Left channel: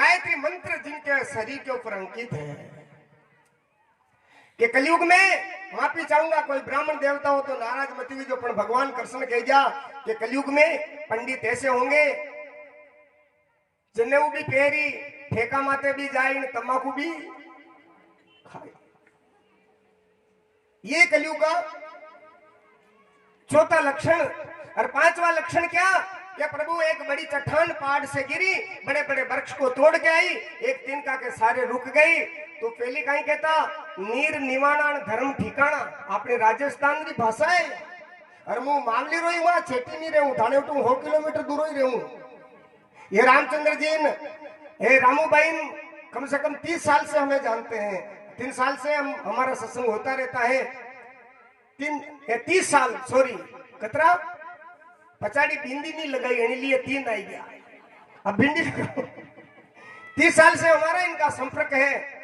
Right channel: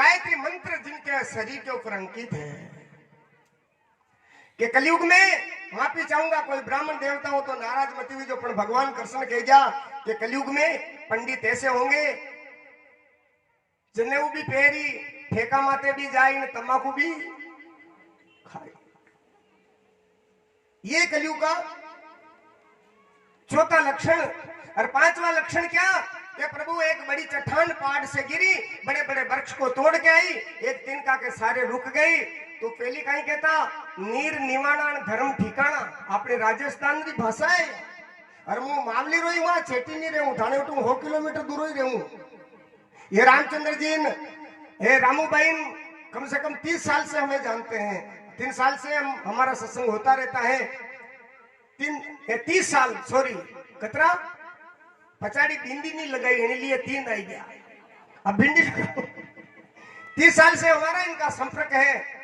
गायत्री मंत्र जिनके शरीर के ऊपर अंकित है कि कलयुग में माफी चाहूंगा कोई ब्राह्मण देवता हो तो नाराज मत हुई जो, पर भगवान कृष्ण कह जा कि कलयुग में पंडित ऐसे होंगे जनेऊ भी पहरी, ठेका माते भी जाए, तंबाकू भी खाए। ये कलयुग का चौथा लक्षण। और पांचवा लक्षण क्या कि प्रभु एक बड़ी चट्टान पहाड़ से गिरी, बड़े बड़े वृक्ष को तोड़ के आई, एक तिनका के सारे रुक गई। तो पहली कहीं कहता नीर निवाणा धर्म ठिकाना, अपने राजस्थान की भाषा है। और मुंह मामली रोई वहां छेटी नहीं रहूं, ठाणे उठू 100 किलोमीटर दूर ही रहूं। ये रामचंद्र जी हे रामू भाई कम से कम 30 साल से हमें जानते हैं, 3 साल से हमारा सत्संग होता रहता है। 30 साल सॉरी कतरा पचाड़ी भिंडी नहीं लगाई इन्हें लिए 3 आई गया। अब भिंडी 30 साल से हमारा इनका संपर्क है।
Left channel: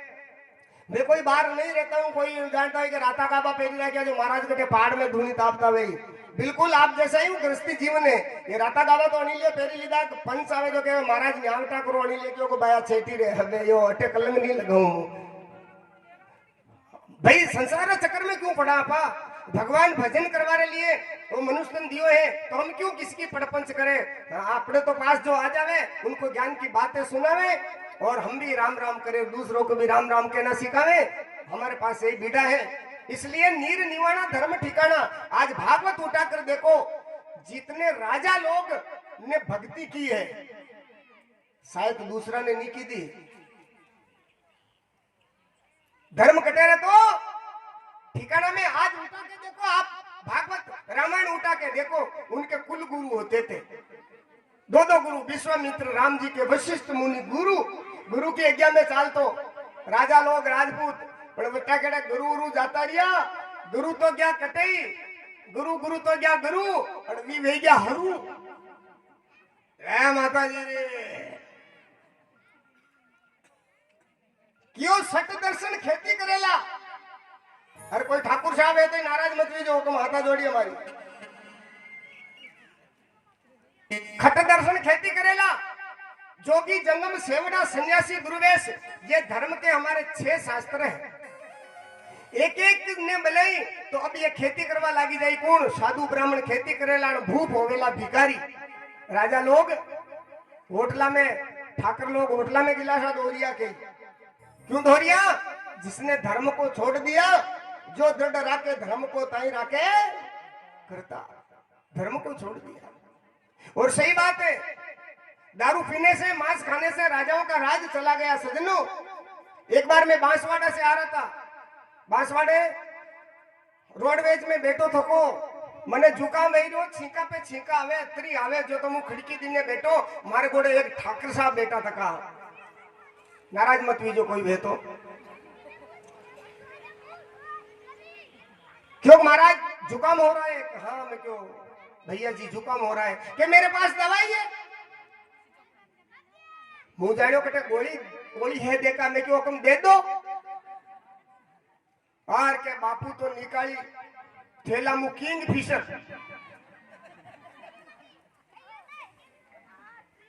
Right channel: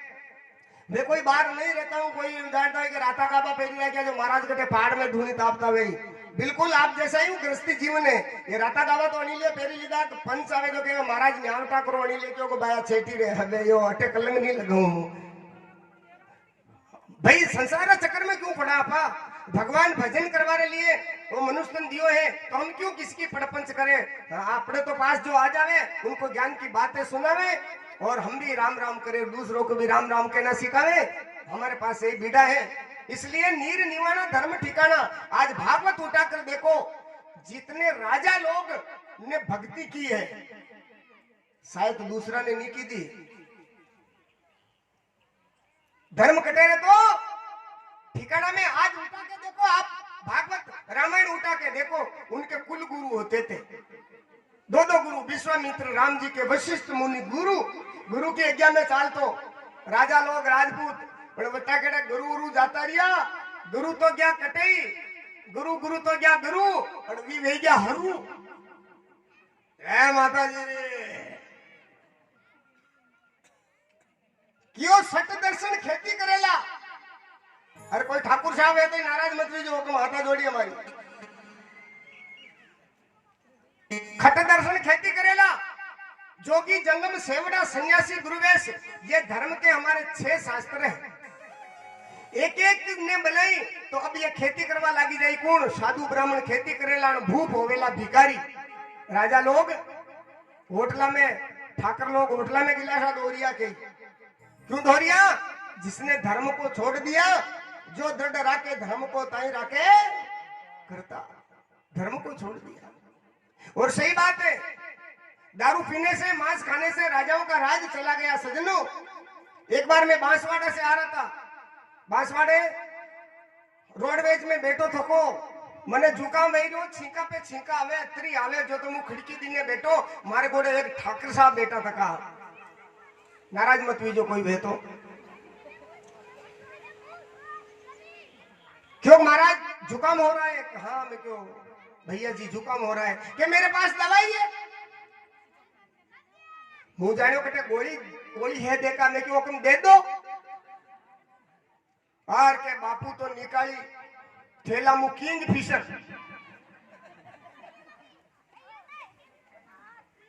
मैं कोई बाहर नहीं रहता हूँ, कोई जानता है कि राता काबा पहली रह गया जो महाराज के पहाड़ में धूनी तापता वही बिल्कुल आप जैसा ही गृहस्थी जीवन है। ये राता काबा तो अनिल पहली लीधा पंच आवे तो कहे महाराज न्यावता करो अनिल क्यों को बाया छेटी रे हवे यो अटे कलंग नहीं लगाऊं भाई संसार चक्कर में क्यों पड़ा आपा। भगवान भजन करवाने लिए वो मनुष्य दियो है तो हम क्यों किसकी पड़पंच करें। अपने तो पास जो आ जावे उनको ज्ञान की बातें सुनावे और हम भी राम राम करें, दूसरों को भी राम राम कहना सिखावे। हमारे पास यही बीड़ा है। इसलिए नीर निवाना धर्म ठिकाना। आज भागवत उठा कर देखो जितने राजा लोग ने भक्ति की है शायद दूसरा ने नहीं की थी। धर्म कटेरे तो ठिकाना में आज उठा के देखो, आप भागवत रामायण उठा के देखो, उनके कुल गुरु होते थे। 2 गुरु, विश्वामित्र राम जी के वशिष्ठ मुनि गुरु, गुरु की आज्ञा में चाल तो राजा लोग राजपूत बटा के गुरु गुरु जाता रिया। गुरु तो क्या कटई, गुरु गुरु तो क्या गुरु और वी वे क्या हरू। माता जी क्यों सट दर्शन खेती करेला। अरे कोई ठाकुर साहब है तो नाराज मत हुई जो तुम हाथा जोड़ी हमारी। खट दर्शन खेती करेला, जोगी जंगम सेवड़ा सन्यासी गुरुवेश, ये धर्म के हमारे 6 शास्त्र हैं। एक एक ने बनाई तो अब ये खेती करवा लागी जाए कौन। साधु ब्राह्मण खेती करेला, भूप होवेला भिखारी। राजा लोग होटला में, ठाकर लोग होटला में गिलासा दोहरिया के क्यों दोहरिया। जिसने धर्म को छोड़ दिया, जो दृढ़ राके धर्म को ताई राके करता, धर्म को छोड़ दिया। और सही बात है, दारू पीने से मांस खाने से राजाओं का राज चला गया। सजनों एक बार मैं बांसवाड़ा से आ रहा था, बांसवाड़े रोडवेज में बैठो थको, मने जुकाम वही रो, छींका पे छींका आवे, अतरी आवे जो तो मुझ खिड़की दिने बैठो, मारे गोड़े एक ठाकर साहब बैठा थका। नाराज मत हुई जो कोई भी तो। क्यों महाराज जुकाम हो रहा है। हाँ मैं क्यों भैया जी जुकाम हो रहा है कि मेरे पास दवाई है। मुंह जानो कटे गोली है देखा, मैं क्यों हुक्म दे दो। और के बापू तो निकाली थैला मु किंग फिशर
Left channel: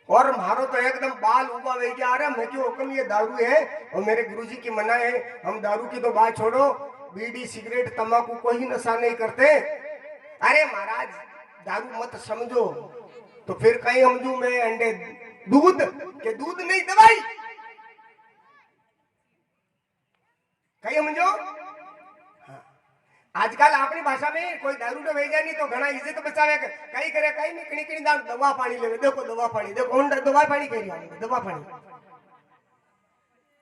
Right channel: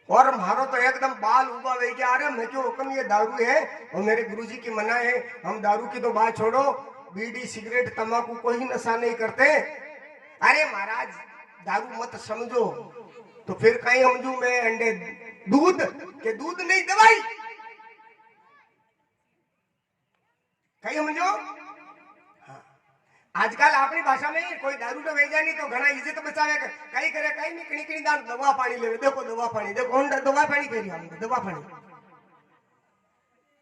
और मारो तो एकदम बाल उबा वे गया। अरे मैं क्यों हुक्म ये दारू है और मेरे गुरुजी की मना है, हम दारू की तो बात छोड़ो, बीड़ी सिगरेट तंबाकू कोई नशा नहीं करते। अरे महाराज दारू मत समझो तो फिर कहीं समझू मैं अंडे दूध के दूध नहीं दवाई कहीं समझो। आजकल अपनी भाषा में कोई दारू तो भेजा नहीं तो घना इज्जत बचावे कहीं करे कहीं निकली कहीं दान दवा पानी ले। देखो दवा पानी देखो कौन दवा पानी कह रही है, दवा पानी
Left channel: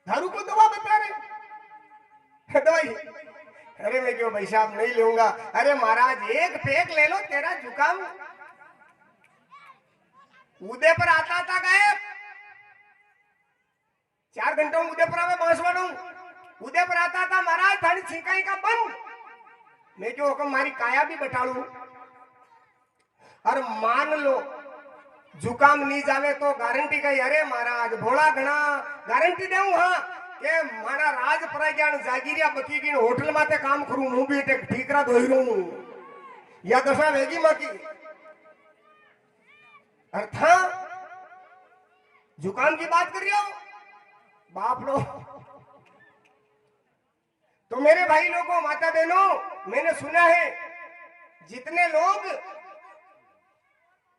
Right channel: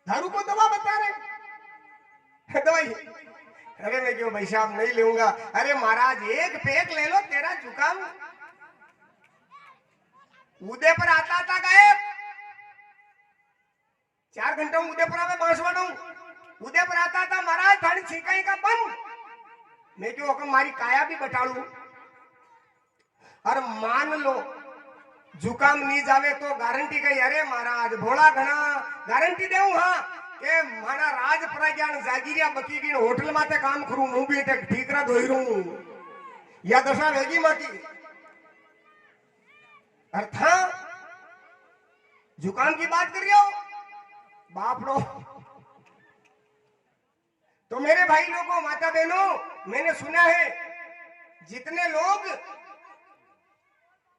दारू को दवा बता रहे दवाई। अरे मैं क्यों भाई साहब नहीं लूंगा। अरे महाराज एक फेंक ले लो, तेरा जुकाम उदय पर आता था गायब। 4 घंटे उदय पर आवे बांसवाड़ा उदय पर आता था महाराज थानी छिकाई का बंद। मैं क्यों हुक्म मारी काया भी बटाड़ू। और मान लो जुकाम नहीं जावे तो गारंटी कही। अरे महाराज भोला घना गारंटी देऊ हाँ के मारा राज प्रज्ञान जागीरिया बकी की होटल माते काम करूं हूं भी ठीकरा धोई रू या दशा वेगी माकी अर्था जुकाम की बात कर रही हो। बापड़ो। तो मेरे भाई लोगों, माता बहनों, मैंने सुना है जितने लोग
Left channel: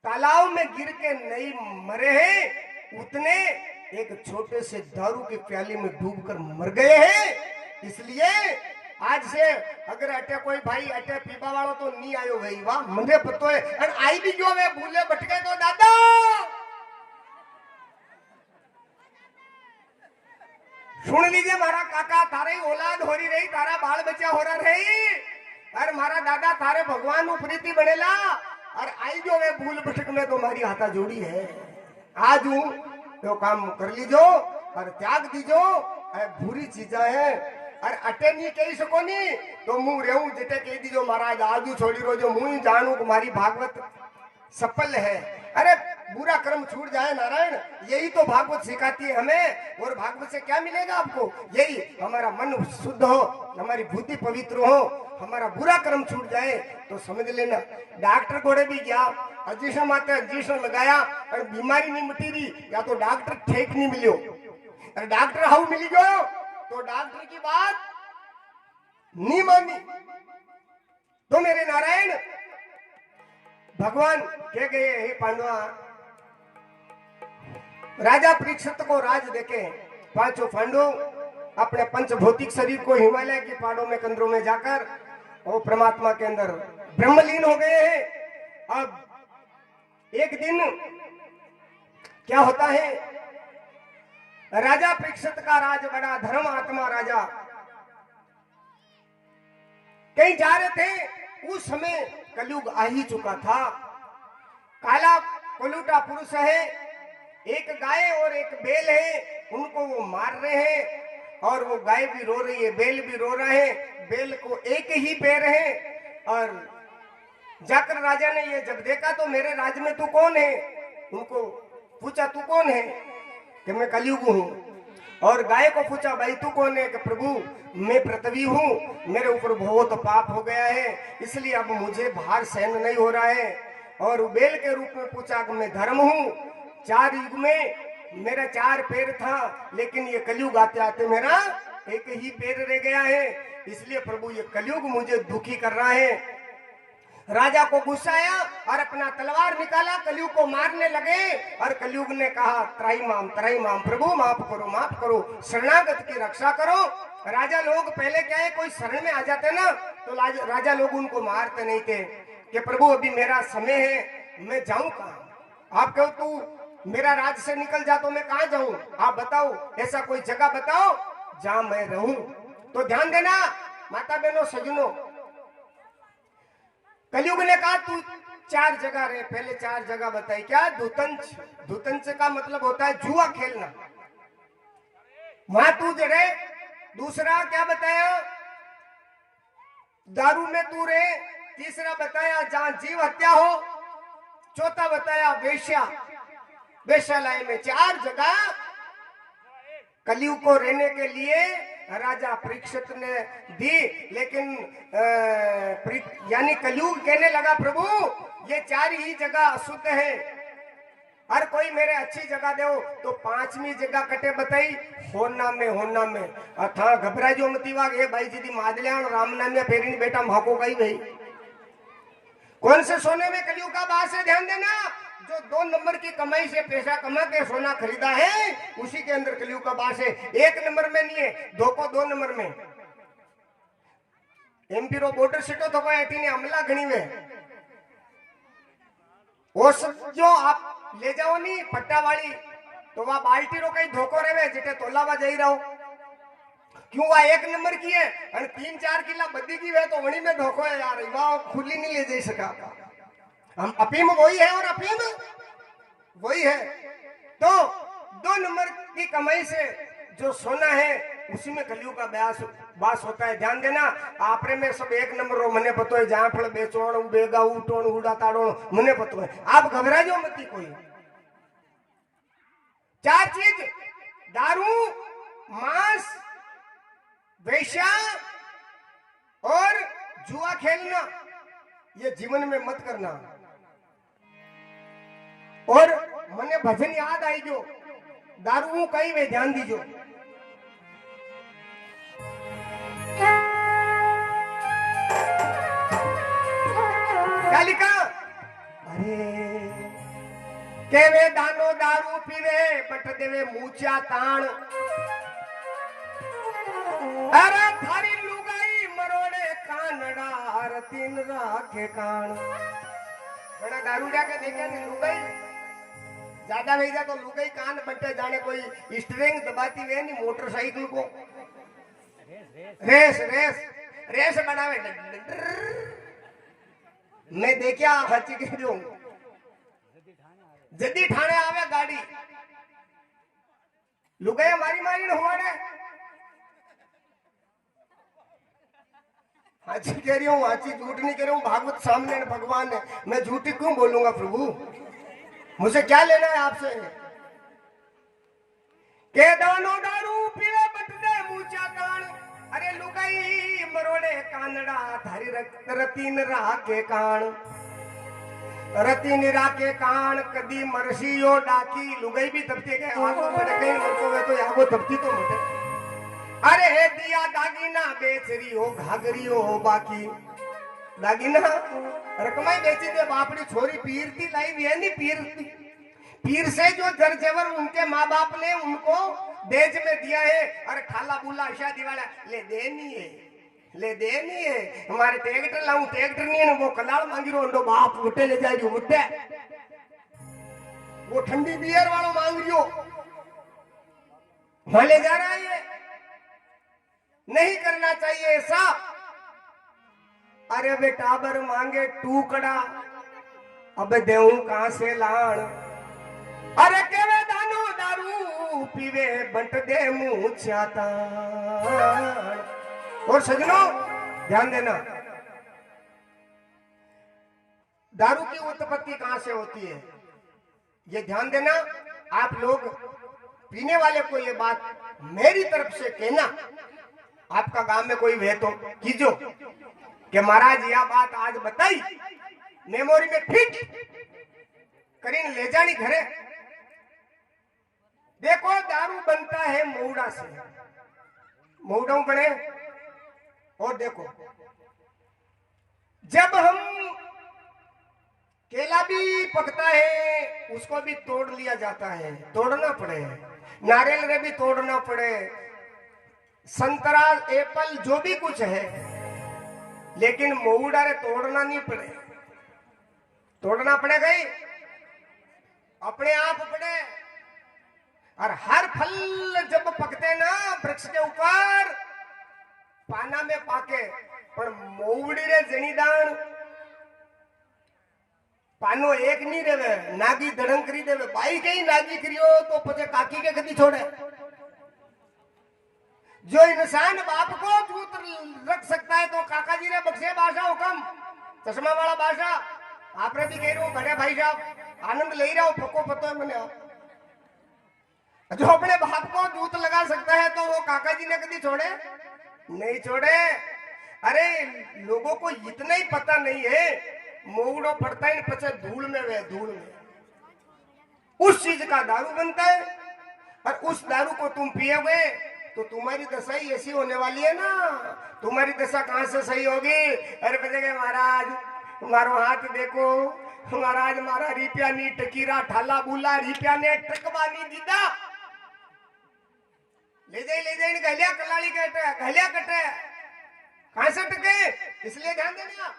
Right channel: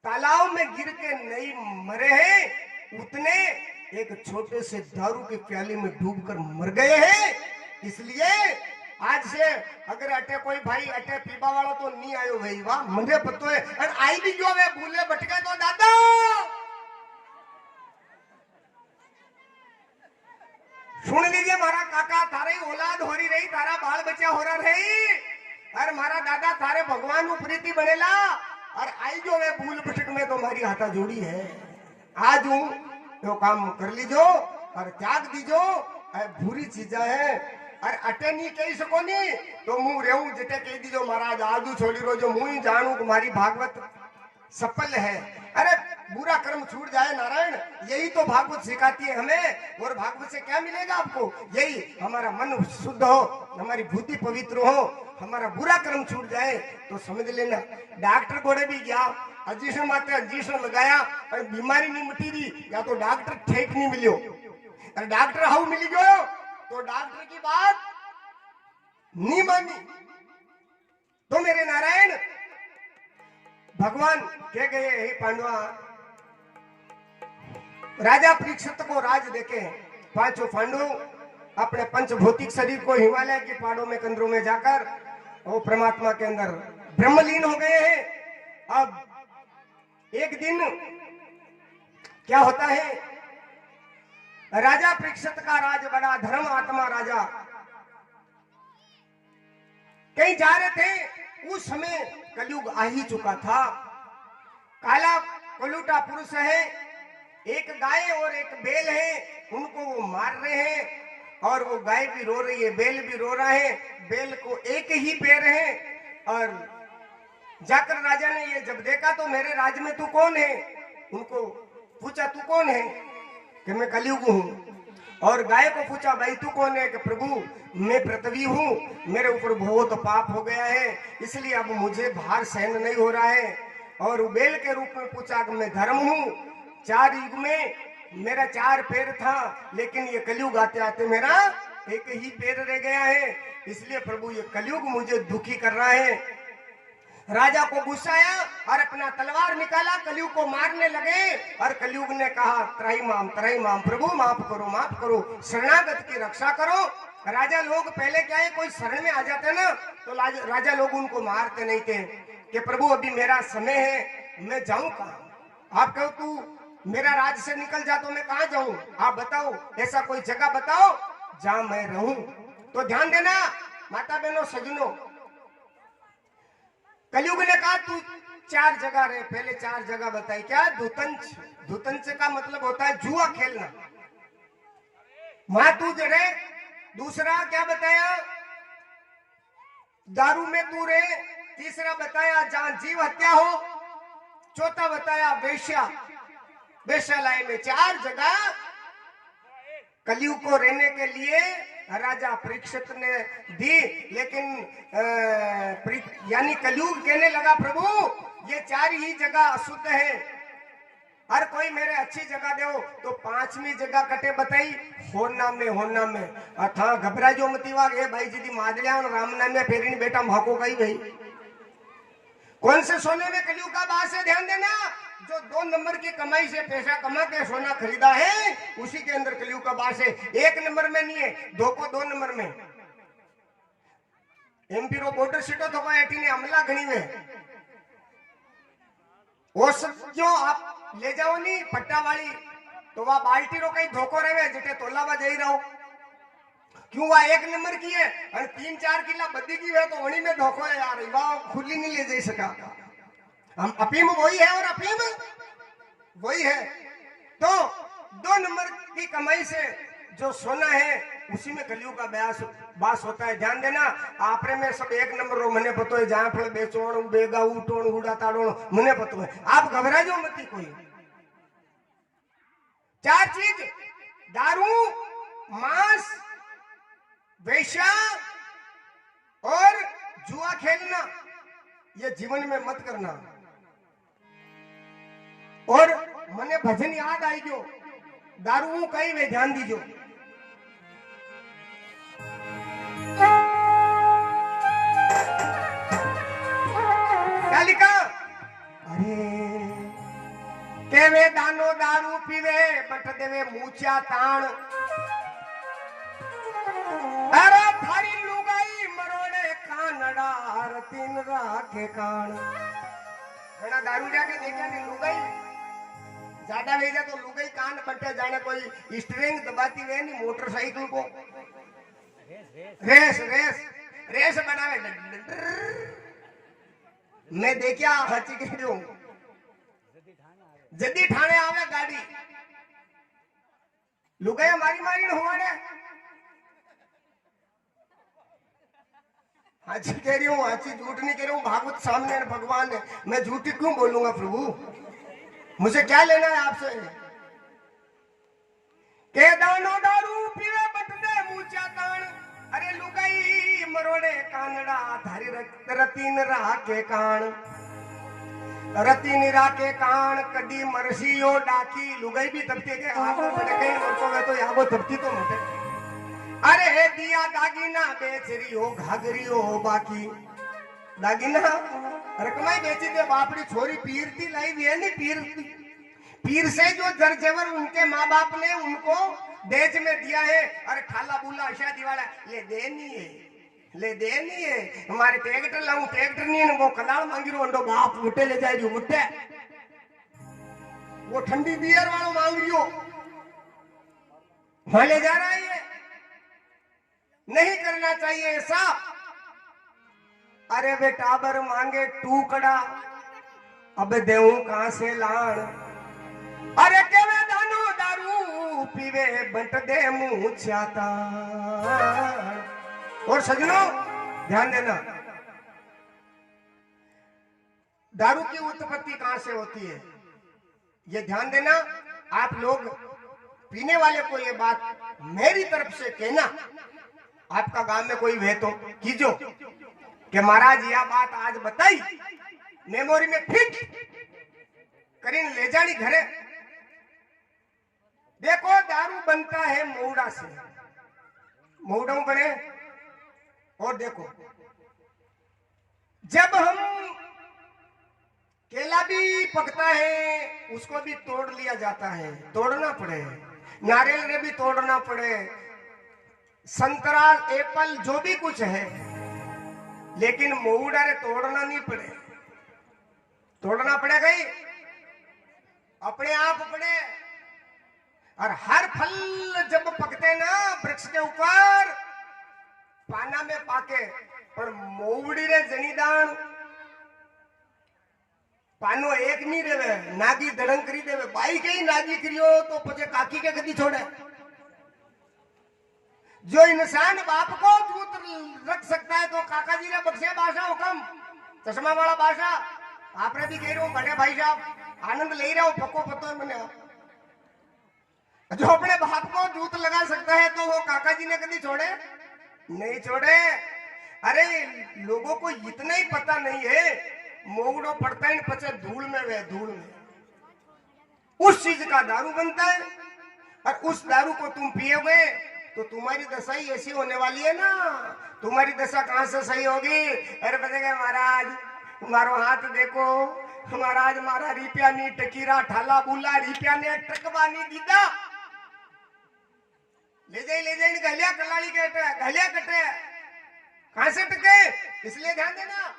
तालाब में गिर के नहीं मरे हैं उतने एक छोटे से दारू के प्याले में डूबकर मर गए हैं। इसलिए आज से अगर अटे कोई भाई अटे पीबा वाला तो नहीं आयो भाई, वाह मुझे पतो है। और आई भी जो वे भूले भटके तो दादा सुन लीजिए, मारा काका थारी औलाद हो रही, तारा बाल बच्चा हो रही, और मारा दादा थारे भगवान प्रीति बनेला, और आई जो वे भूल भटक में तो मारी हाथा जोड़ी है। आज हूं तो काम कर लीजो और त्याग दीजो, बुरी चीजा है। और अटे नहीं कही सको नहीं तो मुंह रहूं जेटे कह दीजो महाराज आजू छोड़ी रो, जो मुंह ही जानू तुम्हारी भागवत सफल है। अरे बुरा कर्म छूट जाए नारायण, यही तो भागवत सिखाती है हमें। और भागवत से क्या मिलेगा आपको? यही हमारा मन शुद्ध हो, हमारी बुद्धि पवित्र हो, हमारा बुरा कर्म छूट जाए तो समझ लेना। डॉक्टर कोड़े भी गया, इंजेक्शन मात्र इंजेक्शन लगाया और बीमारी नहीं मिटी रही, या तो डॉक्टर ठीक नहीं मिलो, और डॉक्टर हाउ मिली गयो तो डॉक्टर की बात नहीं मानी। तो मेरे नारायण भगवान कह गए, हे पांडवा, राजा परीक्षित को राज देके पांचों पांडु अपने पंचभौतिक शरीर को हिमालय की पहाड़ों में कंदरों में जाकर वो परमात्मा के अंदर ब्रह्मलीन हो गए हैं। अब एक दिन क्या होता है, राजा परीक्षित का राज बड़ा धर्म आत्मा राजा कहीं जा रहे थे। उस समय कलयुग आ ही चुका था। काला कलूटा पुरुष है, एक गाय और एक बैल है, उनको वो मार रहे हैं, और वो गाय भी रो रही है, बैल भी रो रहा है। बैल को एक ही पैर है। और जाकर राजा ने ये जब देखा तो मेरे राज में तू कौन है? उनको पूछा तू कौन है? कि मैं कलयुग हूँ। और गाय को पूछा भाई तू कौन है? कि प्रभु मैं पृथ्वी हूँ, मेरे ऊपर बहुत पाप हो गया है, इसलिए अब मुझे भार सहन नहीं हो रहा है। और बैल के रूप में पूछा कि मैं धर्म हूँ, 4 युग में मेरा 4 पैर था, लेकिन ये कलयुग आते आते मेरा एक ही पैर रह गया है, इसलिए प्रभु ये कलयुग मुझे दुखी कर रहा है। राजा को गुस्सा आया और अपना तलवार निकाला, कलयुग को मारने लगे। और कलयुग ने कहा त्राही माम प्रभु माफ करो, शरणागत की रक्षा करो। राजा लोग पहले क्या है, कोई शरण में आ जाते ना तो राजा लोग उनको मारते नहीं थे कि प्रभु अभी मेरा समय है, मैं जाऊं कहां? आप कहो तू मेरा राज से निकल जा तो मैं कहां जाऊं? आप बताओ, ऐसा कोई जगह बताओ जहां मैं रहूं। तो ध्यान देना माता बहनों सज्जनों, कलयुग ने कहा तू 4 जगह रहे। पहले 4 जगह बताई, क्या? धुतंच का मतलब होता है जुआ खेलना, वहां तू रहे। दूसरा क्या बताया? दारू में तू रहे। तीसरा बताया जहां जीव हत्या हो। चौथा बताया वेश्यालय में। 4 जगह कलयुग को रहने के लिए राजा परीक्षित ने दी। लेकिन यानी कलयुग कहने लगा प्रभु ये 4 ही जगह अशुद्ध है, हर कोई मेरे अच्छी जगह दो। तो 5वीं जगह कटे बताई, होना में अथा घबरा जो मतीवा ये भाई जी मादलिया राम नाम में फेरी बेटा भाको गई भाई। कौन से सोने में कलयुग का बात है? ध्यान देना, जो 2 नंबर की कमाई से पैसा कमा के सोना खरीदा है उसी के अंदर कलयुग का बास है। 1 नंबर में नहीं है, 2 नंबर में। एमपी रो बॉर्डर सीटो तो कोई ऐठी ने हमला घनी में वो सब जो आप ले जाओ नी पट्टा वाली, तो वह बाल्टी रो कहीं धोखो रहे जेटे तोलावा जाई रहो। क्यों? वह 1 नंबर की है और 3-4 किला बद्दी की है, तो वही में धोखो है यार, वह खुली नहीं ले जा सका। हम अफीम वही है और अफीम वही है। तो 2 नंबर की कमाई से जो सोना है उसी में कलयुग का बास होता है। ध्यान देना, आपरे में सब 1 नंबर रो मने पतो है, जहां फल बेचोण बेगा उठोण उड़ा ताड़ोण मने पतो है। आप घबरा जो मती कोई। 4 चीज, दारू, मांस, वेश्या और जुआ खेलना, ये जीवन में मत करना। और मने भजन याद आई जो दारू कई वे ध्यान दीजो। केवे दानो दारू पीवे बट देवे मूचा ताण। अरे थारी लुगाई मरोड़े कानड़ा रतीन राखे कान। बड़ा दारू जाके देखे नहीं लुगाई ज्यादा भेजा तो लुगाई कान बट्टे जाने कोई स्ट्रिंग दबाती वे नहीं मोटरसाइकिल को रेस रेस रेस बनावे। मैं देखिया हची के दूं जदी ठाणे आवे गाड़ी लुगाई मारी मारी न होवाड़े। हाची कह रही हूँ हाची झूठ नहीं कह रही हूँ। भागवत सामने है भगवान है मैं झूठी क्यों बोलूंगा प्रभु। मुझे क्या लेना है आपसे। के दानो दारू पीवे बटने मूचा ताण। अरे लुगाई मरोड़े कानड़ा थारी रतीन राके कान। रतीन राके कान कदी मरसियो डाकी। लुगाई भी तबती के आगो बड़े कहीं मरतो वे तो आगो तबती तो मटे। अरे दिया दागिना बेच रही हो घाघरी हो बाकी दागिना रकमाई बेची दे बापड़ी छोरी पीर थी लाई भी है नहीं पीर। पीर से जो जर जेवर उनके माँ बाप ने उनको देज में दिया है। अरे खाला बुला शादी वाला ले देनी है ले देनी है। हमारे ट्रैक्टर लाऊं ट्रैक्टर नहीं है वो कलाल मांगी रो अंडो बाप उठे ले जाए जो उठे वो ठंडी बियर वालों मांग रही हो वहां ले जा रहा है। ये नहीं करना चाहिए ऐसा। अरे बेटा बर मांगे टूकड़ा अब देऊं कहां से लान। अरे केवे दानो दारू पीवे बंट दे मुंह चाता। और सजनों ध्यान देना दारू की उत्पत्ति कहां से होती है ये ध्यान देना। आप लोग पीने वाले को ये बात मेरी तरफ से कहना। आपका गांव में कोई वे तो कीजो कि महाराज यह बात आज बताई मेमोरी में फिट करीन ले जानी घरे। देखो दारू बनता है मऊड़ा से मऊड़ा बने। और देखो जब हम केला भी पकता है उसको भी तोड़ लिया जाता है तोड़ना पड़े। नारियल ने भी तोड़ना पड़े संतरा एप्पल जो भी कुछ है लेकिन मऊड़ा रे तोड़ना नहीं पड़े। तोड़ना पड़ेगा ही अपने आप पड़े। और हर फल जब पकते ना वृक्ष के ऊपर पाना में पाके पर मऊड़ी रे जनीदान पानो एक नहीं रेवे नागी दड़ंग करी देवे। भाई के ही नागी करियो तो पचे काकी के कदी छोड़े। जो इंसान बाप को जूत रख सकता है तो काका जी ने बख्शे भाषा हुकम चश्मा वाला भाषा आपने भी कह रहे हो बड़े भाई साहब आनंद ले रहे हो पको पतो मैंने। जो अपने बाप को जूत लगा सकता है तो वो काका जी ने कभी छोड़े नहीं छोड़े। अरे लोगों को इतना ही पता नहीं है मोगड़ो पड़ता ही पचे धूल में वे धूल में उस चीज का दारू बनता है। और उस दारू को तुम पियोगे तो तुम्हारी दशा ही ऐसी होने वाली है ना। तुम्हारी दशा कहां से सही होगी। अरे बचेगा महाराज मारो हाथ देखो महाराज मारा रिपिया नी टकीरा ठाला बुला रिपिया ने टकवा नी दीदा ले जाए गलिया कलाड़ी के गलिया कटे कहां से टके। इसलिए ध्यान देना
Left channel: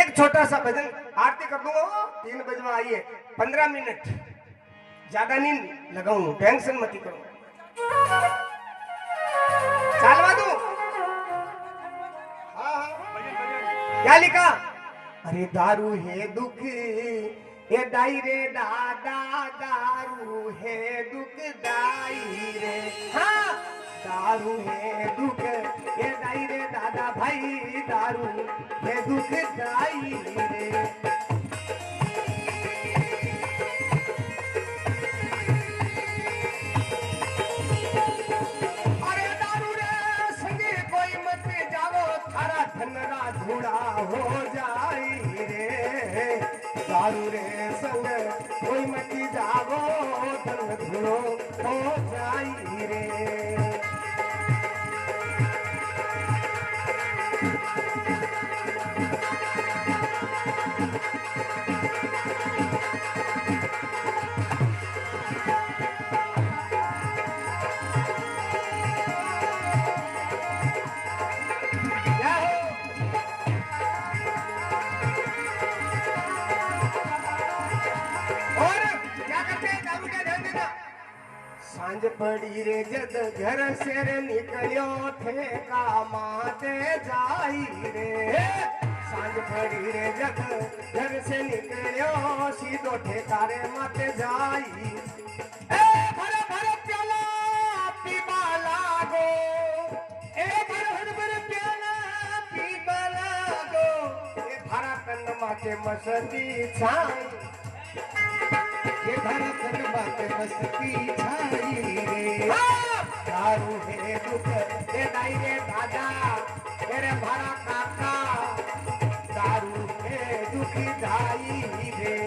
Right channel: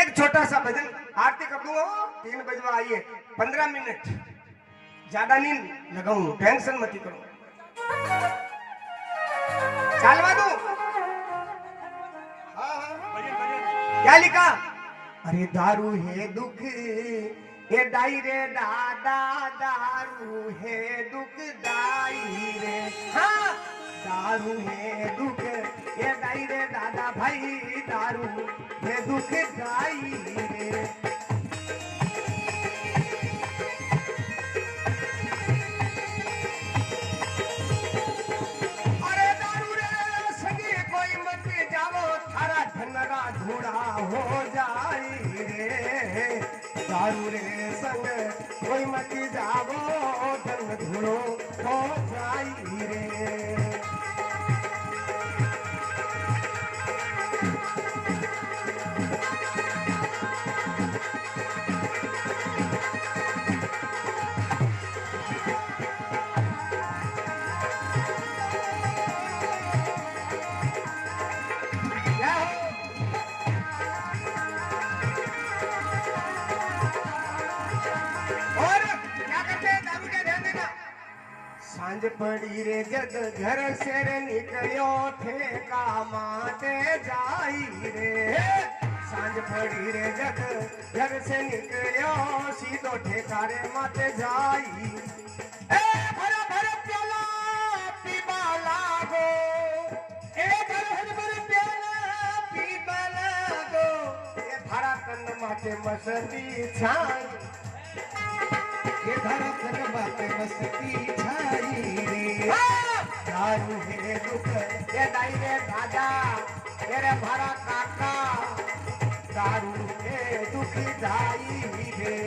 एक छोटा सा भजन आरती कर दूंगा 3 बजे आइए 15 मिनट ज्यादा नहीं लगाऊं टेंशन मत करो चालवा दो। क्या लिखा। अरे दारू है दुख ये दाई रे दादा दारू है दुख दाई रे। हाँ दारू है दुख ये दाई रे दादा भाई दारू है दुख दाई रे। धूड़ा हो जाई रे दारू रे संग कोई मती जावो धन धूड़ो हो जाई रे। सांझ पड़ी रे जद घर से रे निकलियो ठेका माते जाई रे सांझ पड़ी रे जद घर से निकलियो सीधो ठेका रे माते जाई ए भर भर प्याला पीबा लागो ए भर भर प्याला पीबा लागो ए भरा कंद माते मस्ती छाई ये धड़कन बात मस्ती छाई रे दारू है दुख ये दाई रे दादा तेरे भरा काका दारू है दुखी दाई रे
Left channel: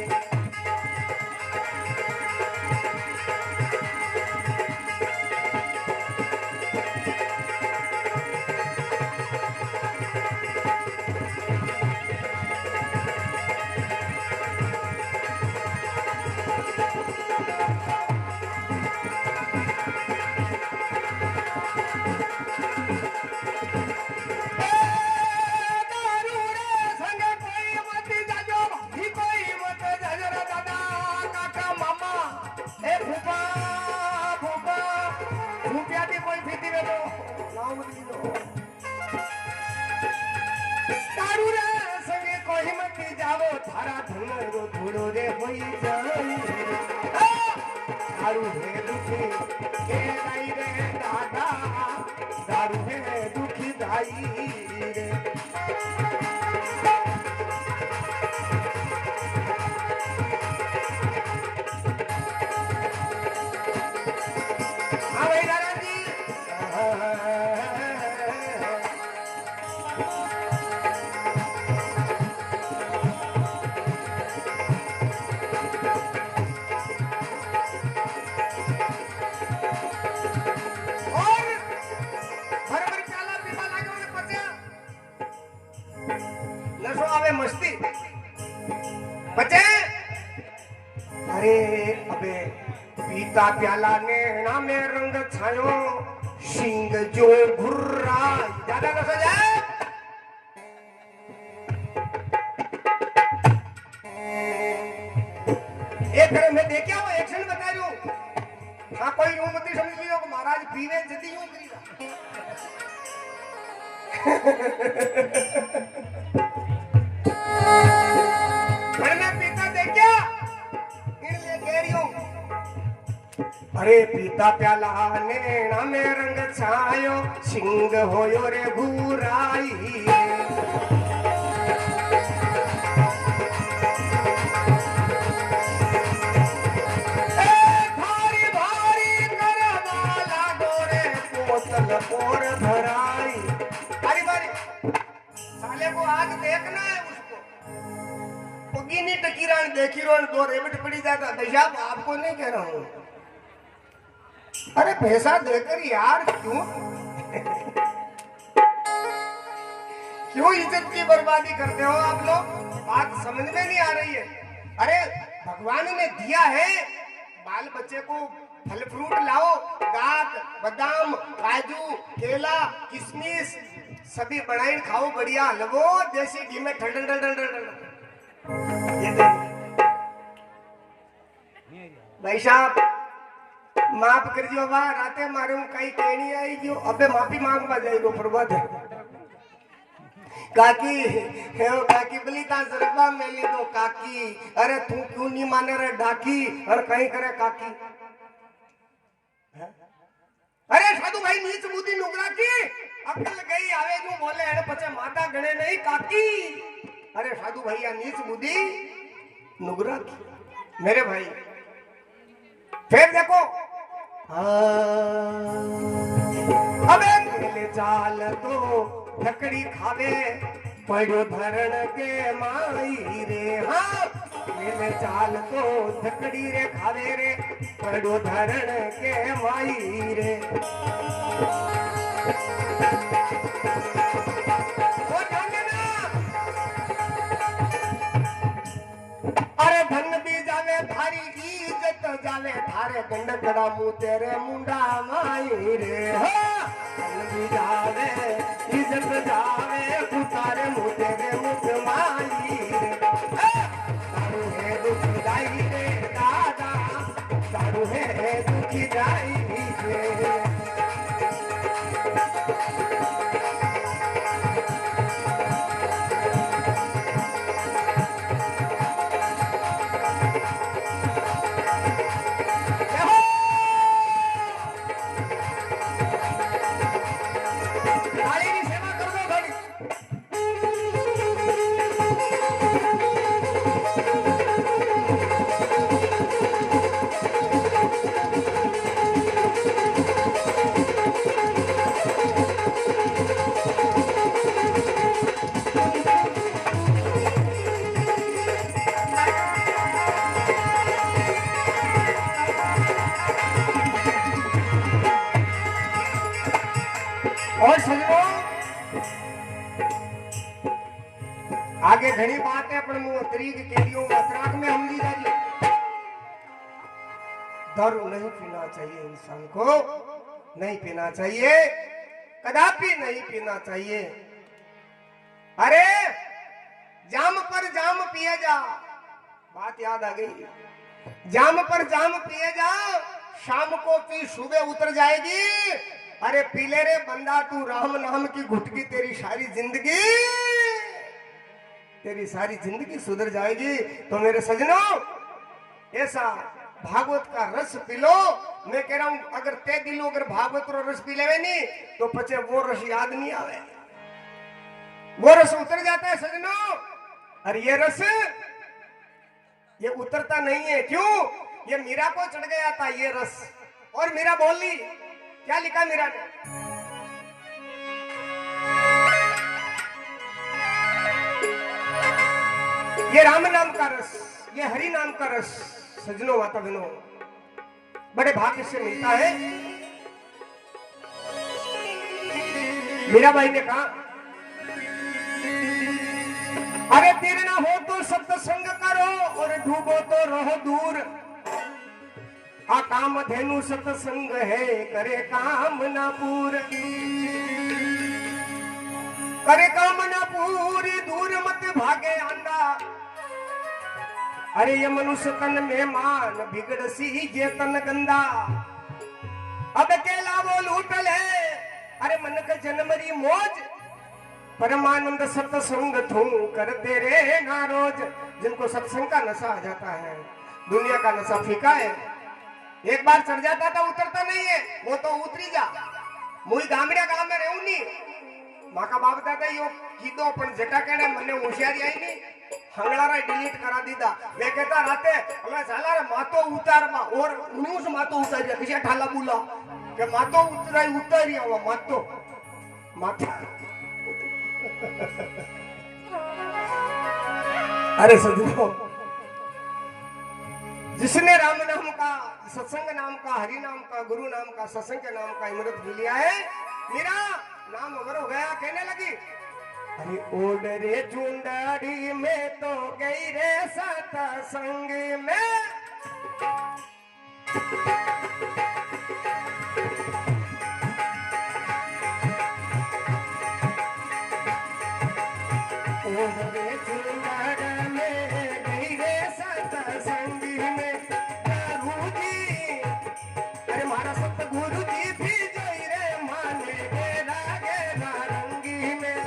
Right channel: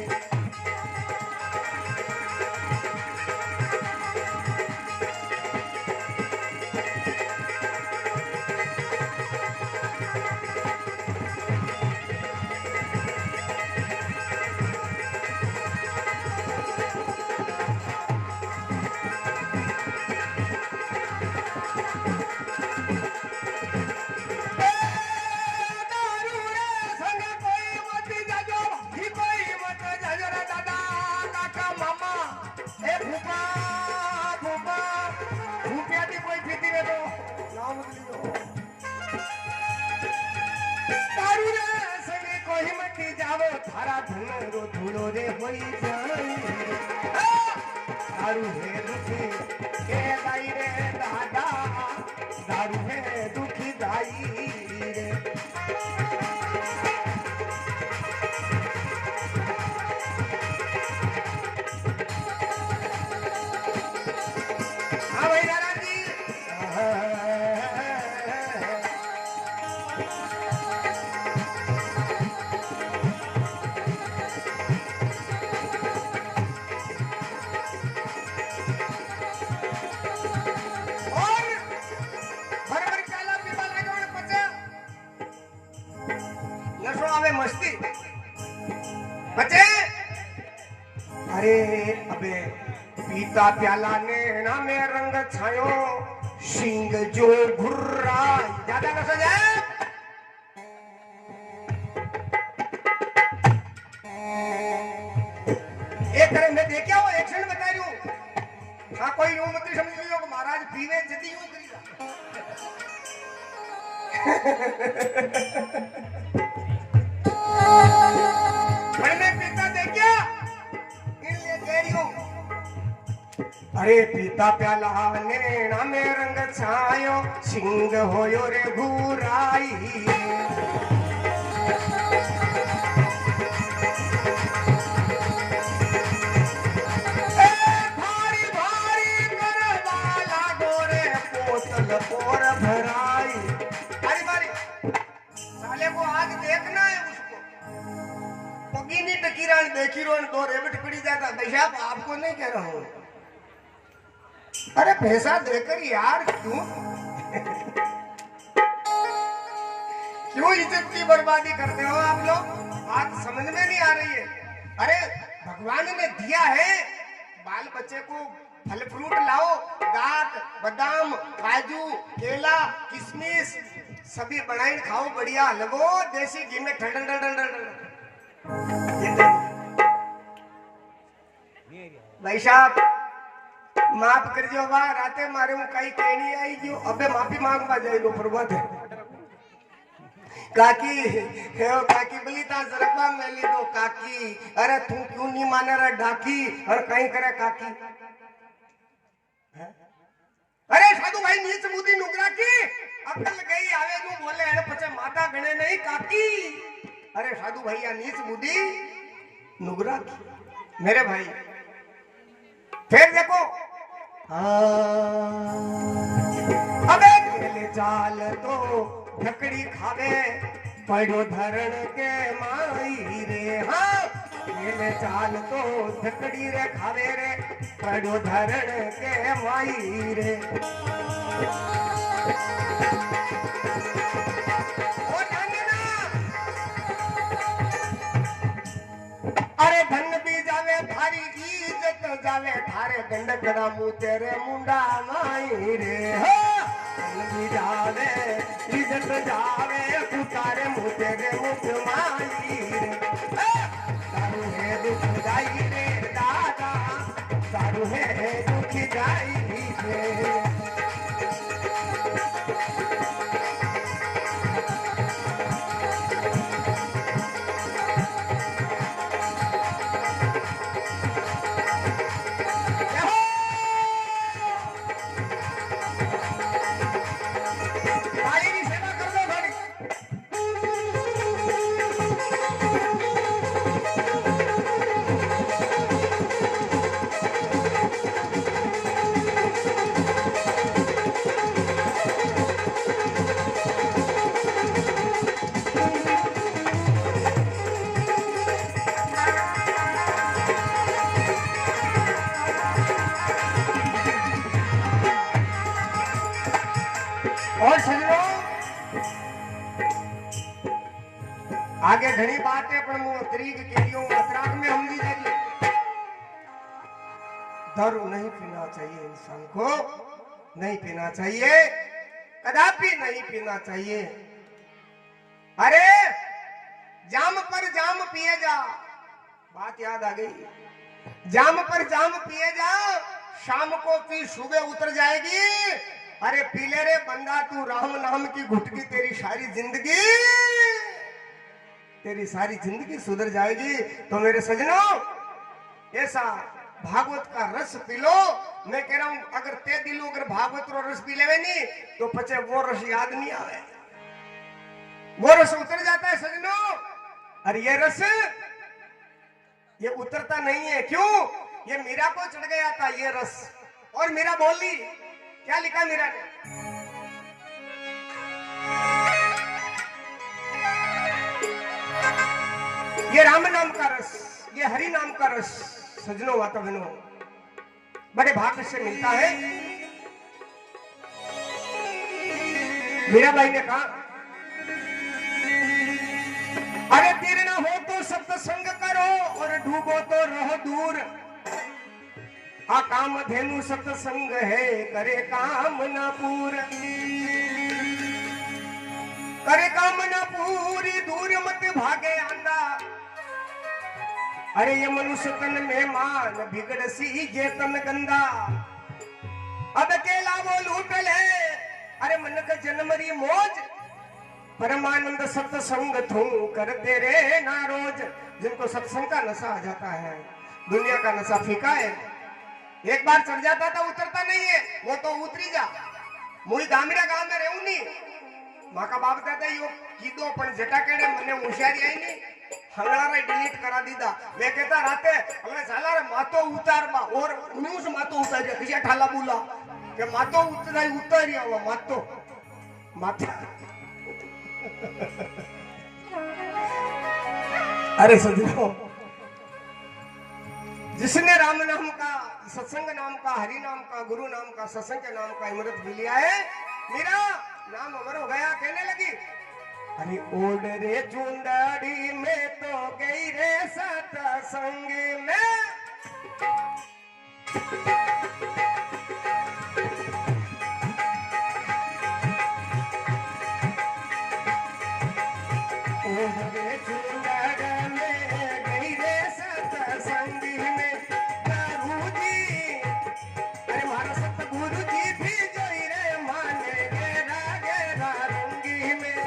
धूलो रे होई जाई दारू है दुखी के दाई रे दादा दारू है दुखी दाई रे हाँ भाई दादा जी मस्ती बचे अरे अबे पीता प्याला ने ना में रंग छायो सिंह जो घुर्रा ज्यादा न सो जाए एक तरह में देखा वो एक्शन बता रही हूँ हाँ कोई यूं मत समझ लियो कि महाराज पीने जल्दी यूं करेगा अरे पीता प्याला नैना में रंग छायो सिंह होयो रे घुराई भारी भारी करवा लागो रे पोतल पोर भराई भारी भारी साले को आज देखना है उसको पगीनी टकीरान देखीरोन दो रेबट पड़ी जाता दशा आपको नहीं कह रहा हूँ अरे पैसा देकर यार क्यों क्यों इज्जत की बर्बादी करते हो आप लोग बात समझ में नहीं आ रही है अरे भगवान ने दिया है बाल बच्चे को फल फ्रूट लाओ दाख बादाम काजू केला किशमिश सभी बनाई खाओ बढ़िया लगो देसी घी में ठंडा ठंडा भाई साहब माफ कर दियो वाह राते मारे हूं कई कहनी आई जो अबे माफी मांगवा जाइयो प्रभु काकी हे ओ काकी बली ता सरबा मेली दो काकी अरे तू क्यों नहीं माने रे डाकी और कहीं करे काकी अरे साधु भाई नीच बुद्धि नुगरा की अकल गई आवे नु बोले एने पछे माता गणे नहीं काकी अरे साधु भैया नीच बुद्धि नुगरा की मेरे भाई फिर देखो अबे ले चाल तो लकड़ी खावे पड़ो धरण के माई रे हाँ ले चाल तो लकड़ी रे खावे रे पड़ो धरण के माई रे अरे धन भी जावे थारी इज्जत जावे थारे गंडकड़ा मुँह तेरे मुंडा माई रे हो धन भी जावे इज्जत जावे तारे मुँह तेरे मुख माई रे दारू है दुख जाई रे दादा दारू है दुख जाई और सजनो आगे घनी बात है पर मुंह तरीक केरियों अतराक में हम ली जाइए। दारू नहीं पीना चाहिए, इंसान को नहीं पीना चाहिए, कदापि नहीं पीना चाहिए। अरे जाम पर जाम पिए जा, बात याद आ गई। जाम पर जाम पिए जा, शाम को पी सुबह उतर जाएगी। अरे पीले रे बंदा तू राम नाम की घुटकी, तेरी सारी जिंदगी सुधर जाएगी। तो मेरे सजनों ऐसा भागवत का रस पी लो। मैं कह रहा हूं अगर ते दिलो अगर भागवत का रस पी लेवे नहीं तो पचे वो रस याद नहीं आवे, वो रस उतर जाता है सजनों। और ये रस ये उतरता नहीं है, क्यों? ये मीरा को चढ़ गया था ये रस। और मीरा बोली, क्या लिखा मीरा ने? ये राम नाम का रस, ये हरि नाम का रस सजनों माता बहनों बड़े भाग्य से मिलता है। मीराबाई ने कहा, अरे तीर ना हो तो सत्संग करो और डूबो तो रहो दूर। आ काम धेनु सत्संग है, करे काम ना पूर, करे काम ना पूरी, दूर मत भागे आंदा। अरे ये मनुष्य तन में मान बिगड़ सी जे तन गंदा। अब अकेला वो लूट ले, अरे मन का जन्मरी मौज, परमानंद सत्संग थू करते रे ना रोज। जिनको सत्संग का नशा आ जाता है, दुनिया का नशा फीका है, एक बार चढ़ जाता था उतरता नहीं है, वो तो उतरी जा। मुई गामड़िया गांव में रहूं नहीं, माँ का बाप दादा यो कीधो पण जटा केड़े मने होशियारी आई नहीं, हंगड़ा डिलीट करा दीदा। वे कहता राते हमें साला रे मातो उतार बा और न्यूज मातो उतार दिया किसी ठाला बोला के मातो उतारी आवा मातो मातो। अरे सजनों, जिसने राम नाम का, सत्संग नाम का, हरि नाम का, गुरु नाम का, सत्संग के नाम का अमृत पी लिया है, मेरा नाम अमर हो गया। कहने लगी, अरे ओड रे चुंडाड़ी में तो गई रे सत्संग में। ओड रे चुंडाड़ी में गई रे सत्संग में। गुरु जी, अरे मारा सतगुरु जी भी जोई रे माने गेरा गेरा रंगी में।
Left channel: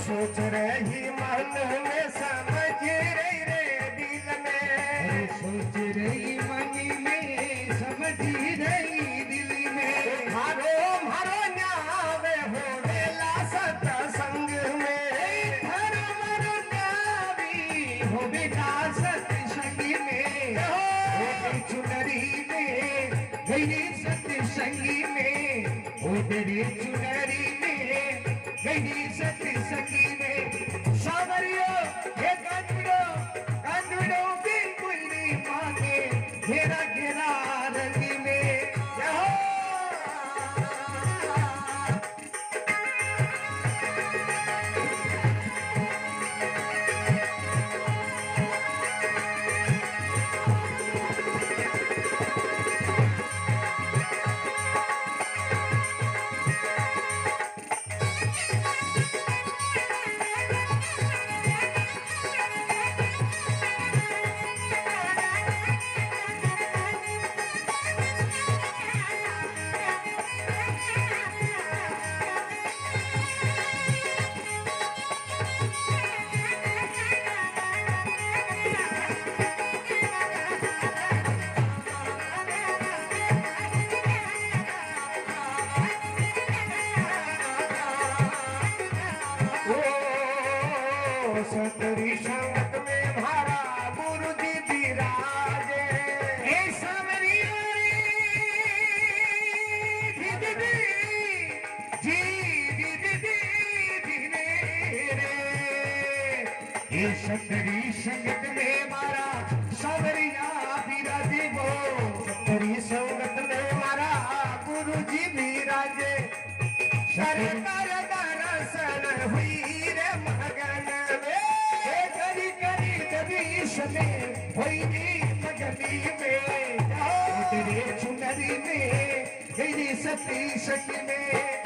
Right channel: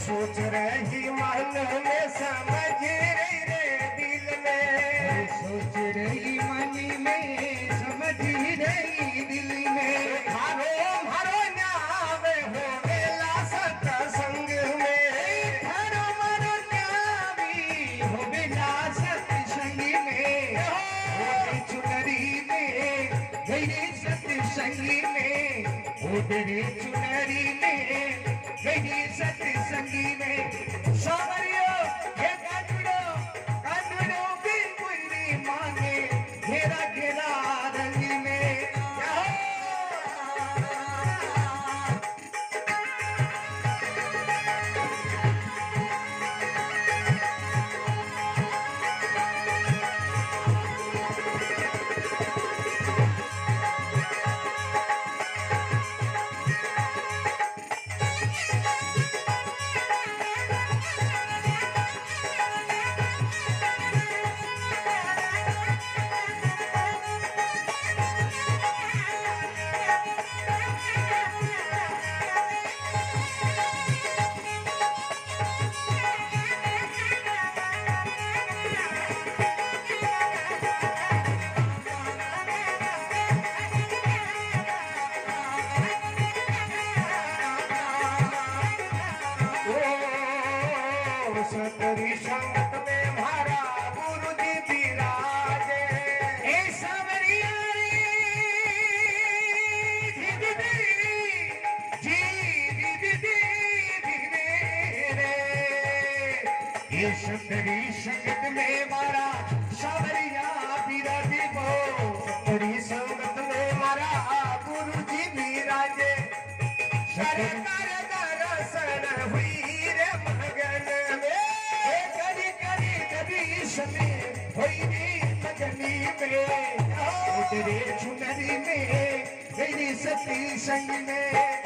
सोच रही मन में, समझ रही रे दिल में, संगी में उतरी चुनरी में गई सत्संगी में सावरिया ये कांडो कांडो बिल्कुल नहीं मांगे घेरा घेरा रंग में सतरी संगत में हमारा गुरु जी विराजे हे सावरिया रे दीदी जी दीदी रे ये सतरी संगत में हमारा सावरिया विराजे वो सतरी संगत में हमारा गुरु जी विराजे शरण कर दर्शन हुई रे मगन में भैरी लगनी में उतरे चुनरी में गई सती संग में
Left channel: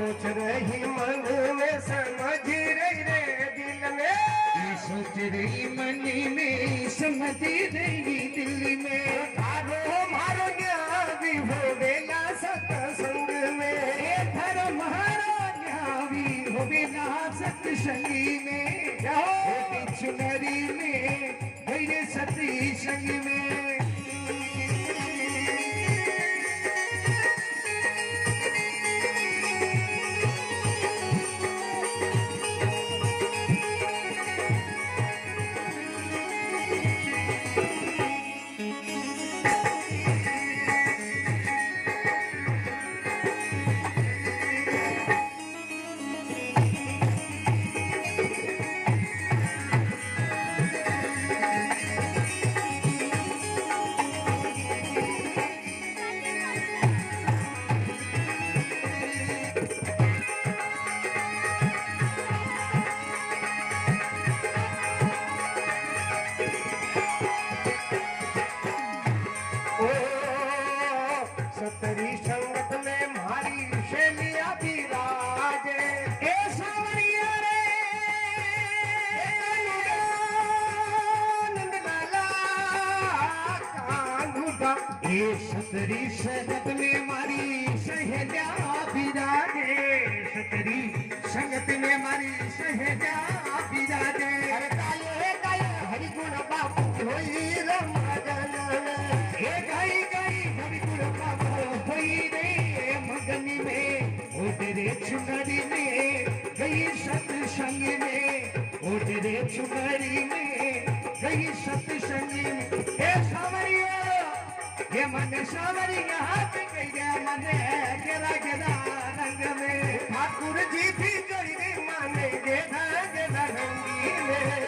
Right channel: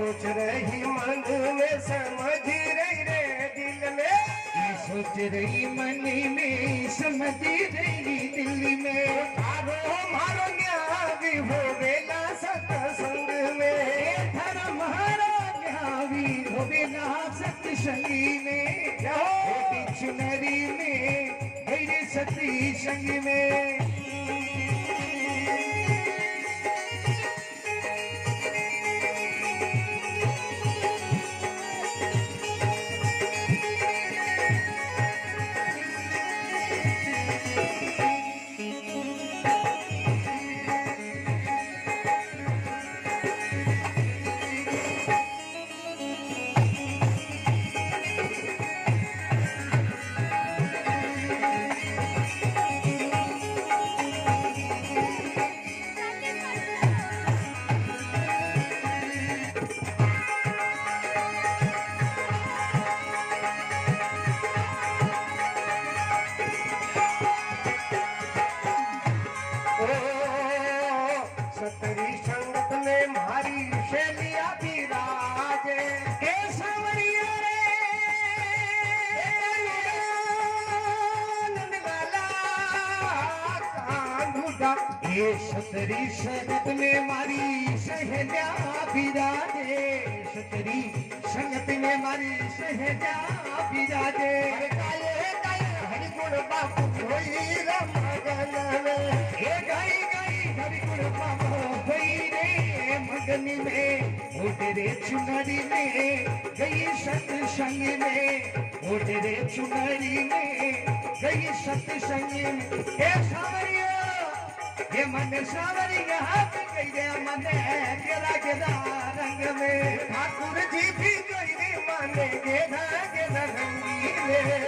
सोच रही मन में समझ रही रे दिल में सोच रही मन में समझ रही दिल में मारो मारो न्यावी हो बेला सत्संग में धर्म हरो न्यावी हो बेला सत्संगी में चुनरी में गई सती संग में ये सतरी संगत में मारी सहेजा बिराजे सतरी संगत में मारी सहेजा बिराजे अरे काय हरि गुण बापू होई रे मगन हे गाई गाई हरि गुण बापू होई रे मगन में ओ तेरे चुनरी में गई सत्संग में ओ तेरे चुनरी में गई सत्संग में हे सावरिया ये मन सावरिया हाथ गया मन गिरा गिरा रंग में ठाकुर जी भी गई मन गिरा गिरा रंगीले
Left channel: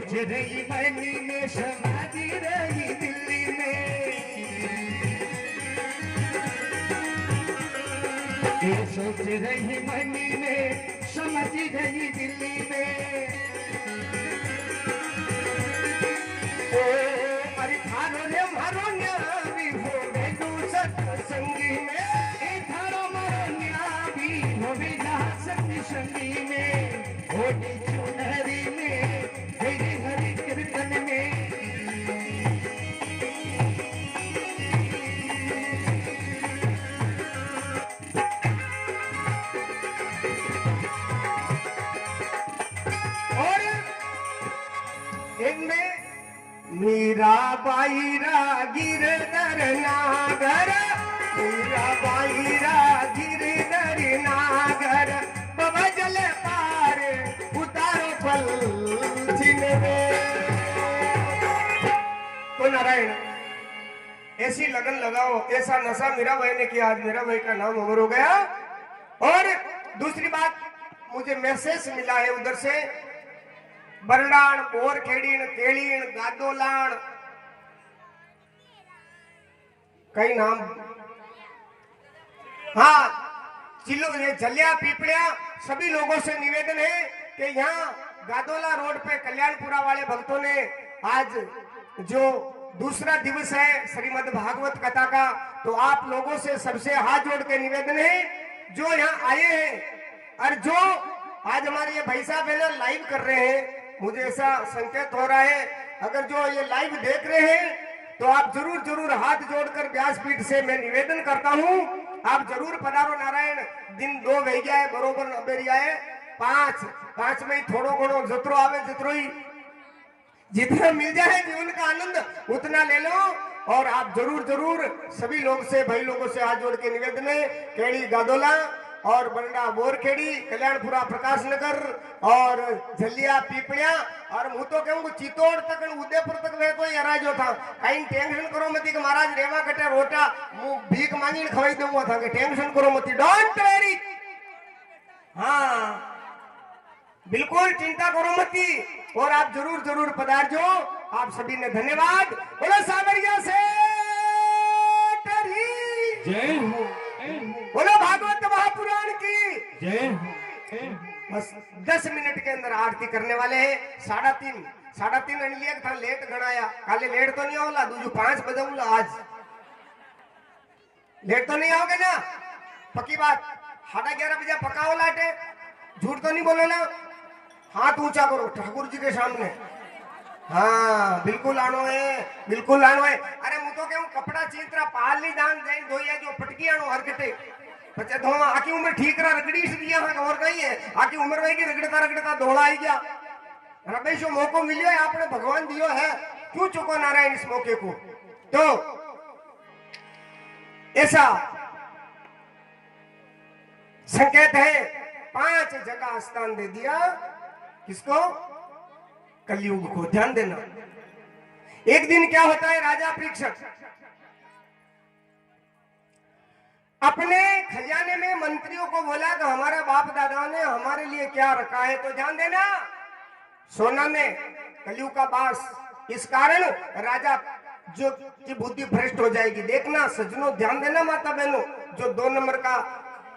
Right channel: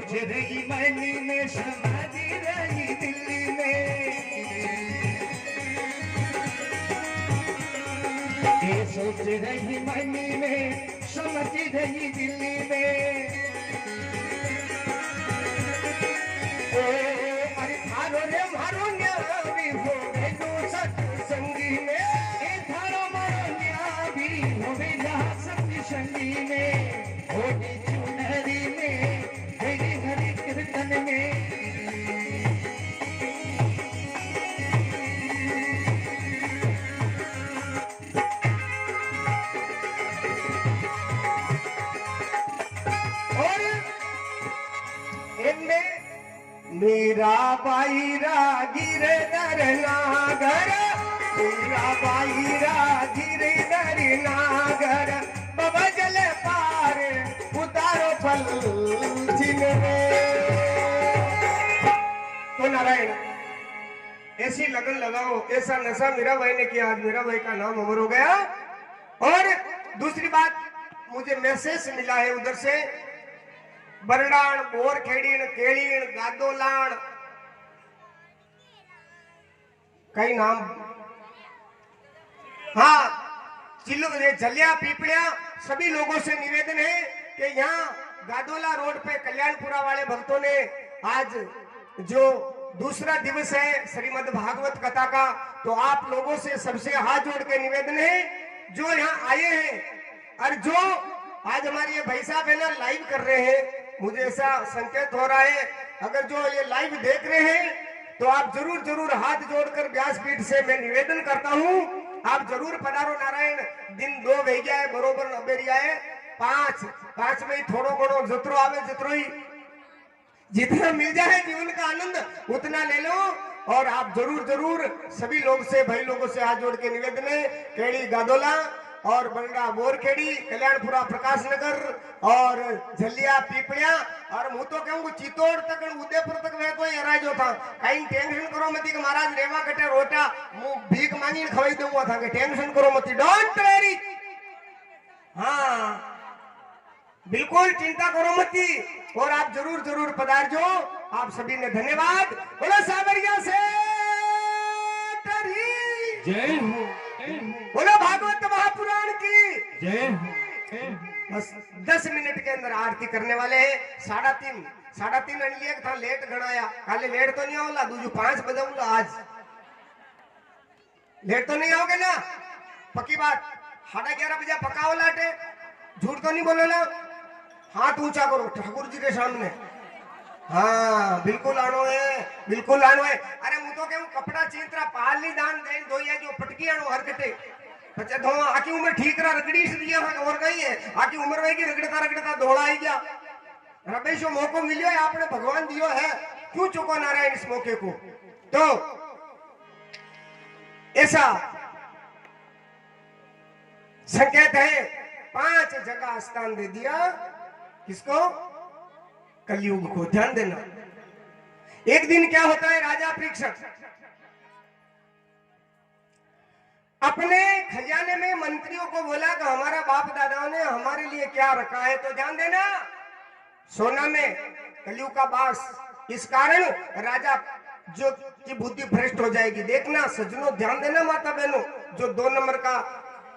सोच रही मैनी में समाधि रही दिल्ली में, ये सोच रही मैनी में समझी रही दिल्ली में। ओ अरे थारो रे मारो न्याय भी हो गई सत्संगी में, ए थारो मारो न्याय भी हो गई सत्संगी में, होली चुनरी में हरि हरि कीर्तन में। मीरा बाई रागिर दर नागर, मीरा बाई रागिर दर नागर, बाबा जले पार उतारो फल जिनमें। तो नारायण ऐसी लगन लगाओ, ऐसा नशा मीरा बाई ने किया, आज मीरा बाई का नाम अमर हो गया। और दूसरी बात मुझे मैसेज मिला है उधर से, बरडाण, बोरखेड़ीण, केड़ीण, गादोलाण, कई नाम, हाँ झलिया पीपड़िया, सभी लोगों से निवेदन है कि यहाँ गादोला रोड पे कल्याणपुरा वाले भक्तों ने आज जो दूसरा दिवस है श्रीमद् भागवत कथा का, तो आप लोगों से सबसे हाथ जोड़ के निवेदन है जो यहाँ आए हैं और जो आज हमारे ये भाई साहब है ना लाइव कर रहे हैं, मुझे ऐसा संकेत हो रहा है अगर जो ये लाइव देख रहे हैं तो आप जरूर जरूर हाथ जोड़कर व्यासपीठ से मैं निवेदन करता हूँ, आप जरूर पधारो। नारायण दिन 2 वही गया है बरोबर 90 आए, 5 में थोड़ो घणो जतरो आवे जतरो ही जितना मिल जाए जीवन का आनंद उतना ले लो। और आप जरूर जरूर सभी लोग से भाई लोगों से हाथ जोड़ के निवेदन है, केड़ी गादोला और बरडा बोरखेड़ी, कल्याणपुरा प्रकाश नगर और झलिया पीपड़िया और હું તો કહું ચિત્તોડ તક ઉદયપુર તક મે કોઈ હરાજો था, कहीं टेंशन करो मती कि महाराज रेवा कटे रोटा હું भीख मांगी खवाई दूंगा था, कि टेंशन करो मती, डोंट वेरी, हाँ बिल्कुल चिंता करो मती। और आप जरूर जरूर पधारजो, आप सभी ने धन्यवाद। बोलो साबरिया से जय हो, बोलो भागवत महापुराण की जय हो। बस 10 मिनट के अंदर आरती करने वाले हैं। 3:30 अनिलिया था, लेट गणाया, काले लेट तो नहीं होला, दूजू 5 बजाऊंगा, आज लेट तो नहीं आओगे ना, पक्की बात। 11:30 बजे पकाओ लाटे, झूठ तो नहीं बोलोला, हाथ ऊंचा करो ठाकुर जी के सामने, हाँ बिल्कुल आनो है, बिल्कुल आनो है। अरे હું તો કેવું કપડા ચીતરા પાલની દાન જઈને ધોઈ આજો, પટકી આનો હર કટે પછી ધો આખી ઉંમર ठीकरा रगड़ी से दिया हां और कहीं है, आखी उम्र में की रगड़ता रगड़ता धोला आई गया। रमेशो मौको मिलियो है, आपने भगवान दियो है, क्यों चुको नारायण इस मौके को। तो ऐसा संकेत है, 5 जगह स्थान दे दिया, किसको? कलयुग को। ध्यान देना, एक दिन क्या होता है, राजा परीक्षक अपने खजाने में मंत्रियों को बोला कि हमारे बाप दादाओं ने हमारे लिए क्या रखा है, तो ध्यान देना सोना में कलयुग का बास, इस कारण राजा जो की बुद्धि भ्रष्ट हो जाएगी। देखना सज्जनों, ध्यान देना माता बहनों, जो 2 नंबर का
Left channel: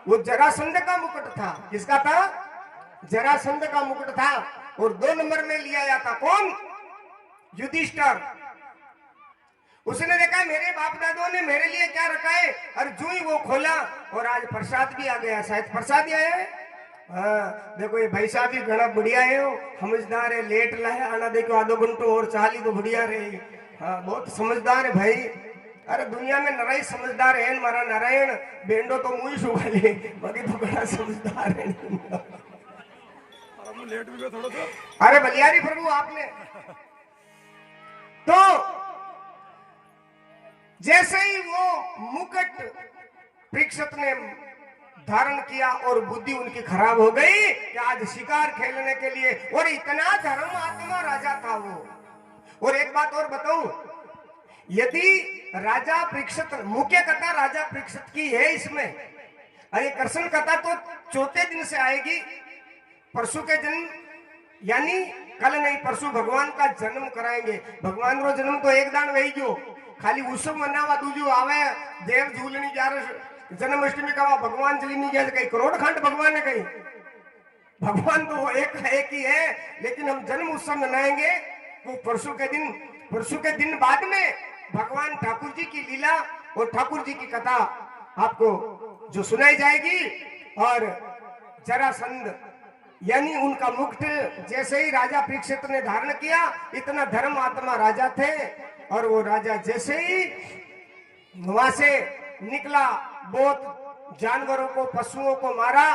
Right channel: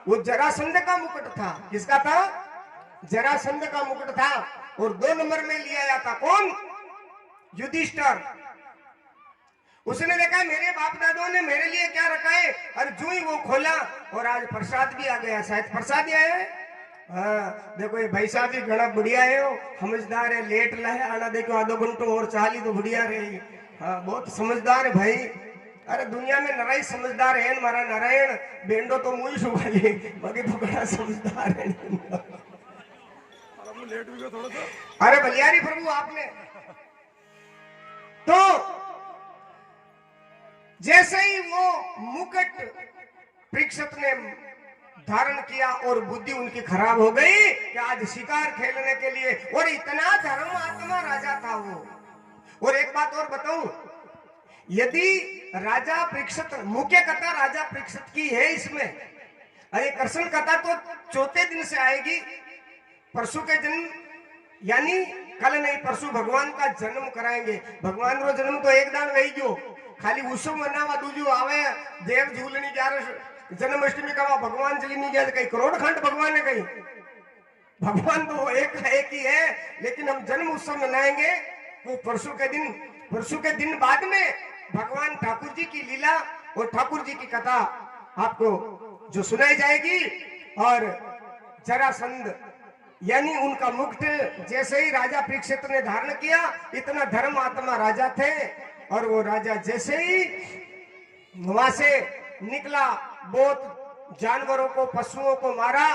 वो जरासंध का मुकुट था, किसका था? जरासंध का मुकुट था, और 2 नंबर में लिया आया था कौन? युधिष्ठिर। उसने देखा मेरे बाप दादों ने मेरे लिए क्या रखा है, और जो ही वो खोला और आज प्रसाद भी आ गया, शायद प्रसाद ही आया है। हाँ देखो ये भाई साहब भी घना बढ़िया है, समझदार है, लेट लाया आना, देखो आधो घंटो और चाली तो बढ़िया रही। हाँ बहुत समझदार है भाई, अरे दुनिया में नराई समझदार है मारा नारायण, बेंडो तो मुई सुगाली, बाकी तो घना समझदार है। अरे बलियारी प्रभु आपने तो जैसे ही वो मुकुट परीक्षित ने धारण किया और बुद्धि उनकी खराब हो गई कि आज शिकार खेलने के लिए, और इतना धर्म आत्मा राजा था वो। और एक बात और बताऊं, यदि राजा परीक्षित, मुख्य कथा राजा परीक्षित की है इसमें, अरे कृष्ण कथा तो 4थे दिन से आएगी, परसों के दिन यानी कल नहीं परसों भगवान का जन्म कराएंगे। भगवान रो जन्म तो एक दान वही गयो, खाली उत्सव मनावा दूजो आवे देव झूलनी ग्यारह जन्माष्टमी का भगवान चली नहीं गया कहीं करोड़ खंड भगवान ने कहीं, भगवान तो वो एक ही है, लेकिन हम जन्म उत्सव मनाएंगे वो परसों के दिन बाद में भगवान ठाकुर जी की लीला और ठाकुर जी की कथा आपको जो सुनाई जाएगी। और जरासंध यानी उनका मुकुट जैसे ही राजा परीक्षित ने धारण किया, इतना धर्म आत्मा राजा थे, और वो राजा जैसे ही वहां से निकला, बहुत जानवरों को पशुओं को मारा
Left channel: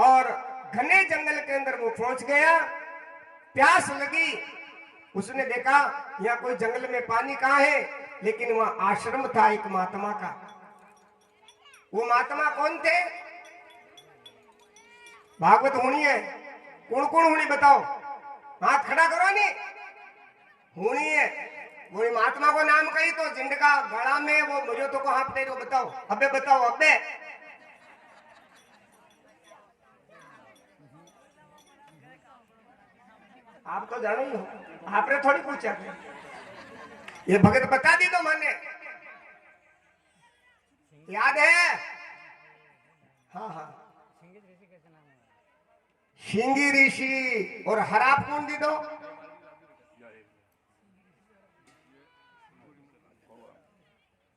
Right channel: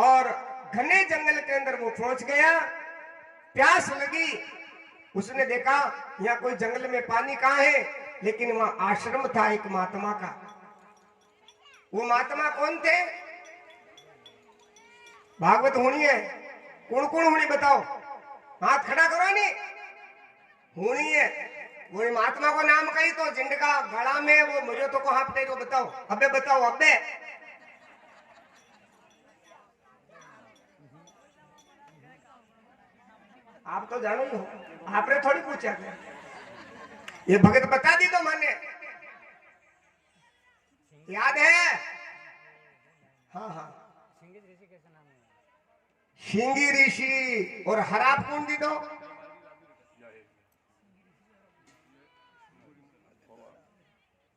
और घने जंगल के अंदर वो पहुंच गया। प्यास लगी, उसने देखा यहाँ कोई जंगल में पानी कहाँ है, लेकिन वहां आश्रम था एक महात्मा का। वो महात्मा कौन थे? भागवत होनी है, कौन कौन होनी बताओ, हाथ खड़ा करो। नहीं होनी है, वो महात्मा को नाम कही तो जिंदगा गला में वो मुझे तो को हाथ तो बताओ, अबे बताओ अबे। आप तो जानो ही हो, आपने थोड़ी पूछा, ये भगत बता दी तो मैंने याद है। हाँ हाँ, सिंगी ऋषि। और हराप कौन दी दो?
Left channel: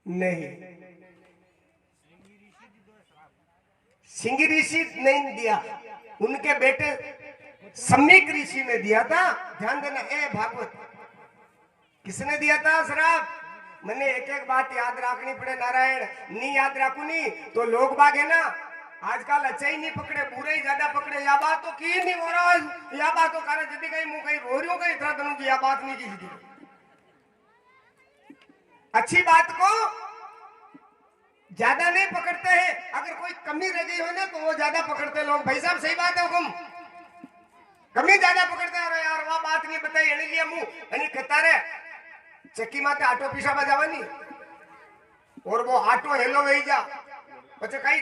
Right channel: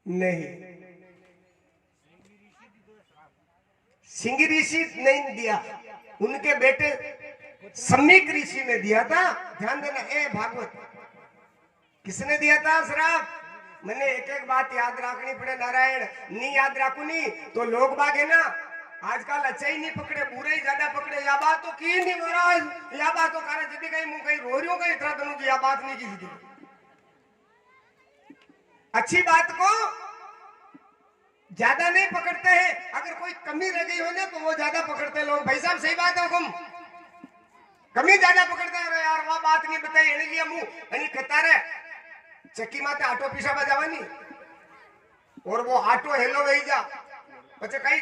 नहीं, सिंगी ऋषि नहीं दिया, उनके बेटे सम्यक ऋषि ने दिया था। ध्यान देना, ए भागवत किसने दिया था शराब? मैंने एक एक बात याद रखनी पड़े नारायण, नहीं याद रखू नहीं तो लोग बाग है ना आजकल अच्छा ही नहीं पकड़े, बुरे ही ज्यादा पकड़े। या बात तो की नहीं महाराज, या बात तो कारण जदी कहीं मुंह कहीं रो रही हो कहीं इतना तनु की या बात नहीं की। अच्छी बात को ज्यादा नहीं पकड़ते हैं, अगर कोई कमी रह गई हो ना तो वो ज्यादा पकड़ते लोग। भाई साहब सही बात है, हुकुम कमी ज्यादा पकड़ता है। यार वह बात नहीं बताई एनी लिए मुंह एनी कहता रे चक्की माते आटो पीसा बजावानी और वो आटो हेलो वही जा पचे कई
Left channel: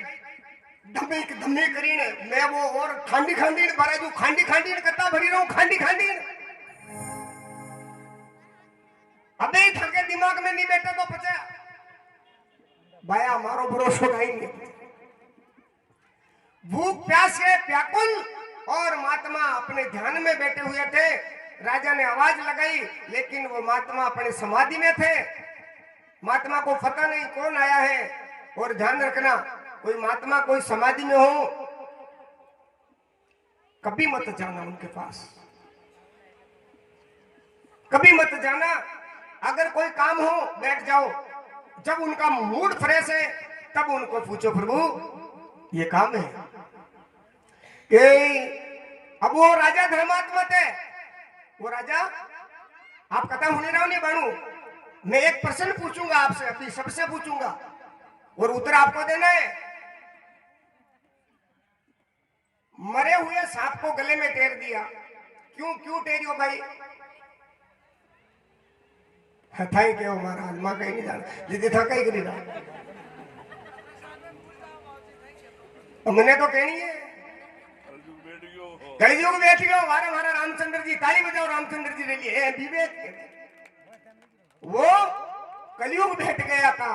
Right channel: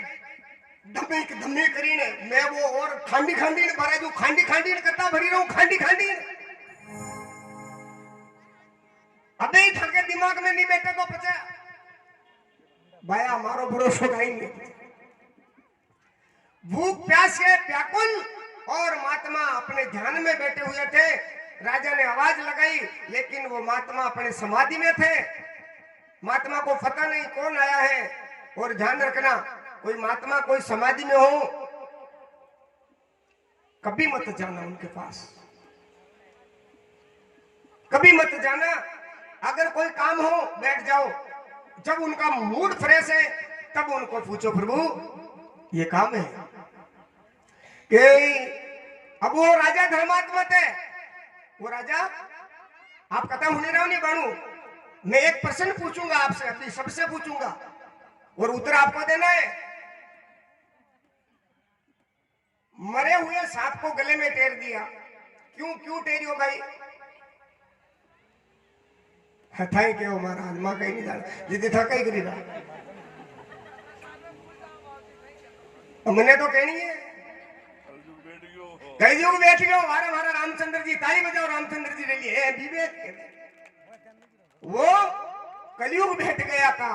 धमे करीने मैं वो और खांडी भरा दू, खांडी कत्ता भरी रहूं, खांडी अबे थके दिमाग में नहीं बैठे तो पचे भाया मारो भरोसा नहीं। भूख प्यास से व्याकुल और महात्मा अपने ध्यान में बैठे हुए थे। राजा ने आवाज लगाई, लेकिन वो महात्मा अपने समाधि में थे। महात्मा को पता नहीं कौन आया है। और ध्यान रखना, कोई महात्मा कोई समाधि में हो कभी मत जाना उनके पास, कभी मत जाना। अगर कोई काम हो बैठ जाओ, जब उनका मूड फ्रेश है तब उनको पूछो प्रभु ये काम है कि अब वो राजा धर्मात्मा थे। वो राजा आप कथा होने रहो नहीं बनू, मैं एक प्रश्न पूछूंगा आपसे, अभी सबसे पूछूंगा और उत्तर आपको देना है। मरे हुए सांप को गले में टेर दिया, क्यों टेरियो भाई? थाई के महाराज मां कहीं नहीं जाना दीदी था कहीं करी रहा मैंने तो कहनी है कलयुग बैठ गयो हमारा रामचंद्र जी, ताली बजाओ रामचंद्र जी के लिए विवेक। वो कलयुग बैठ गया था,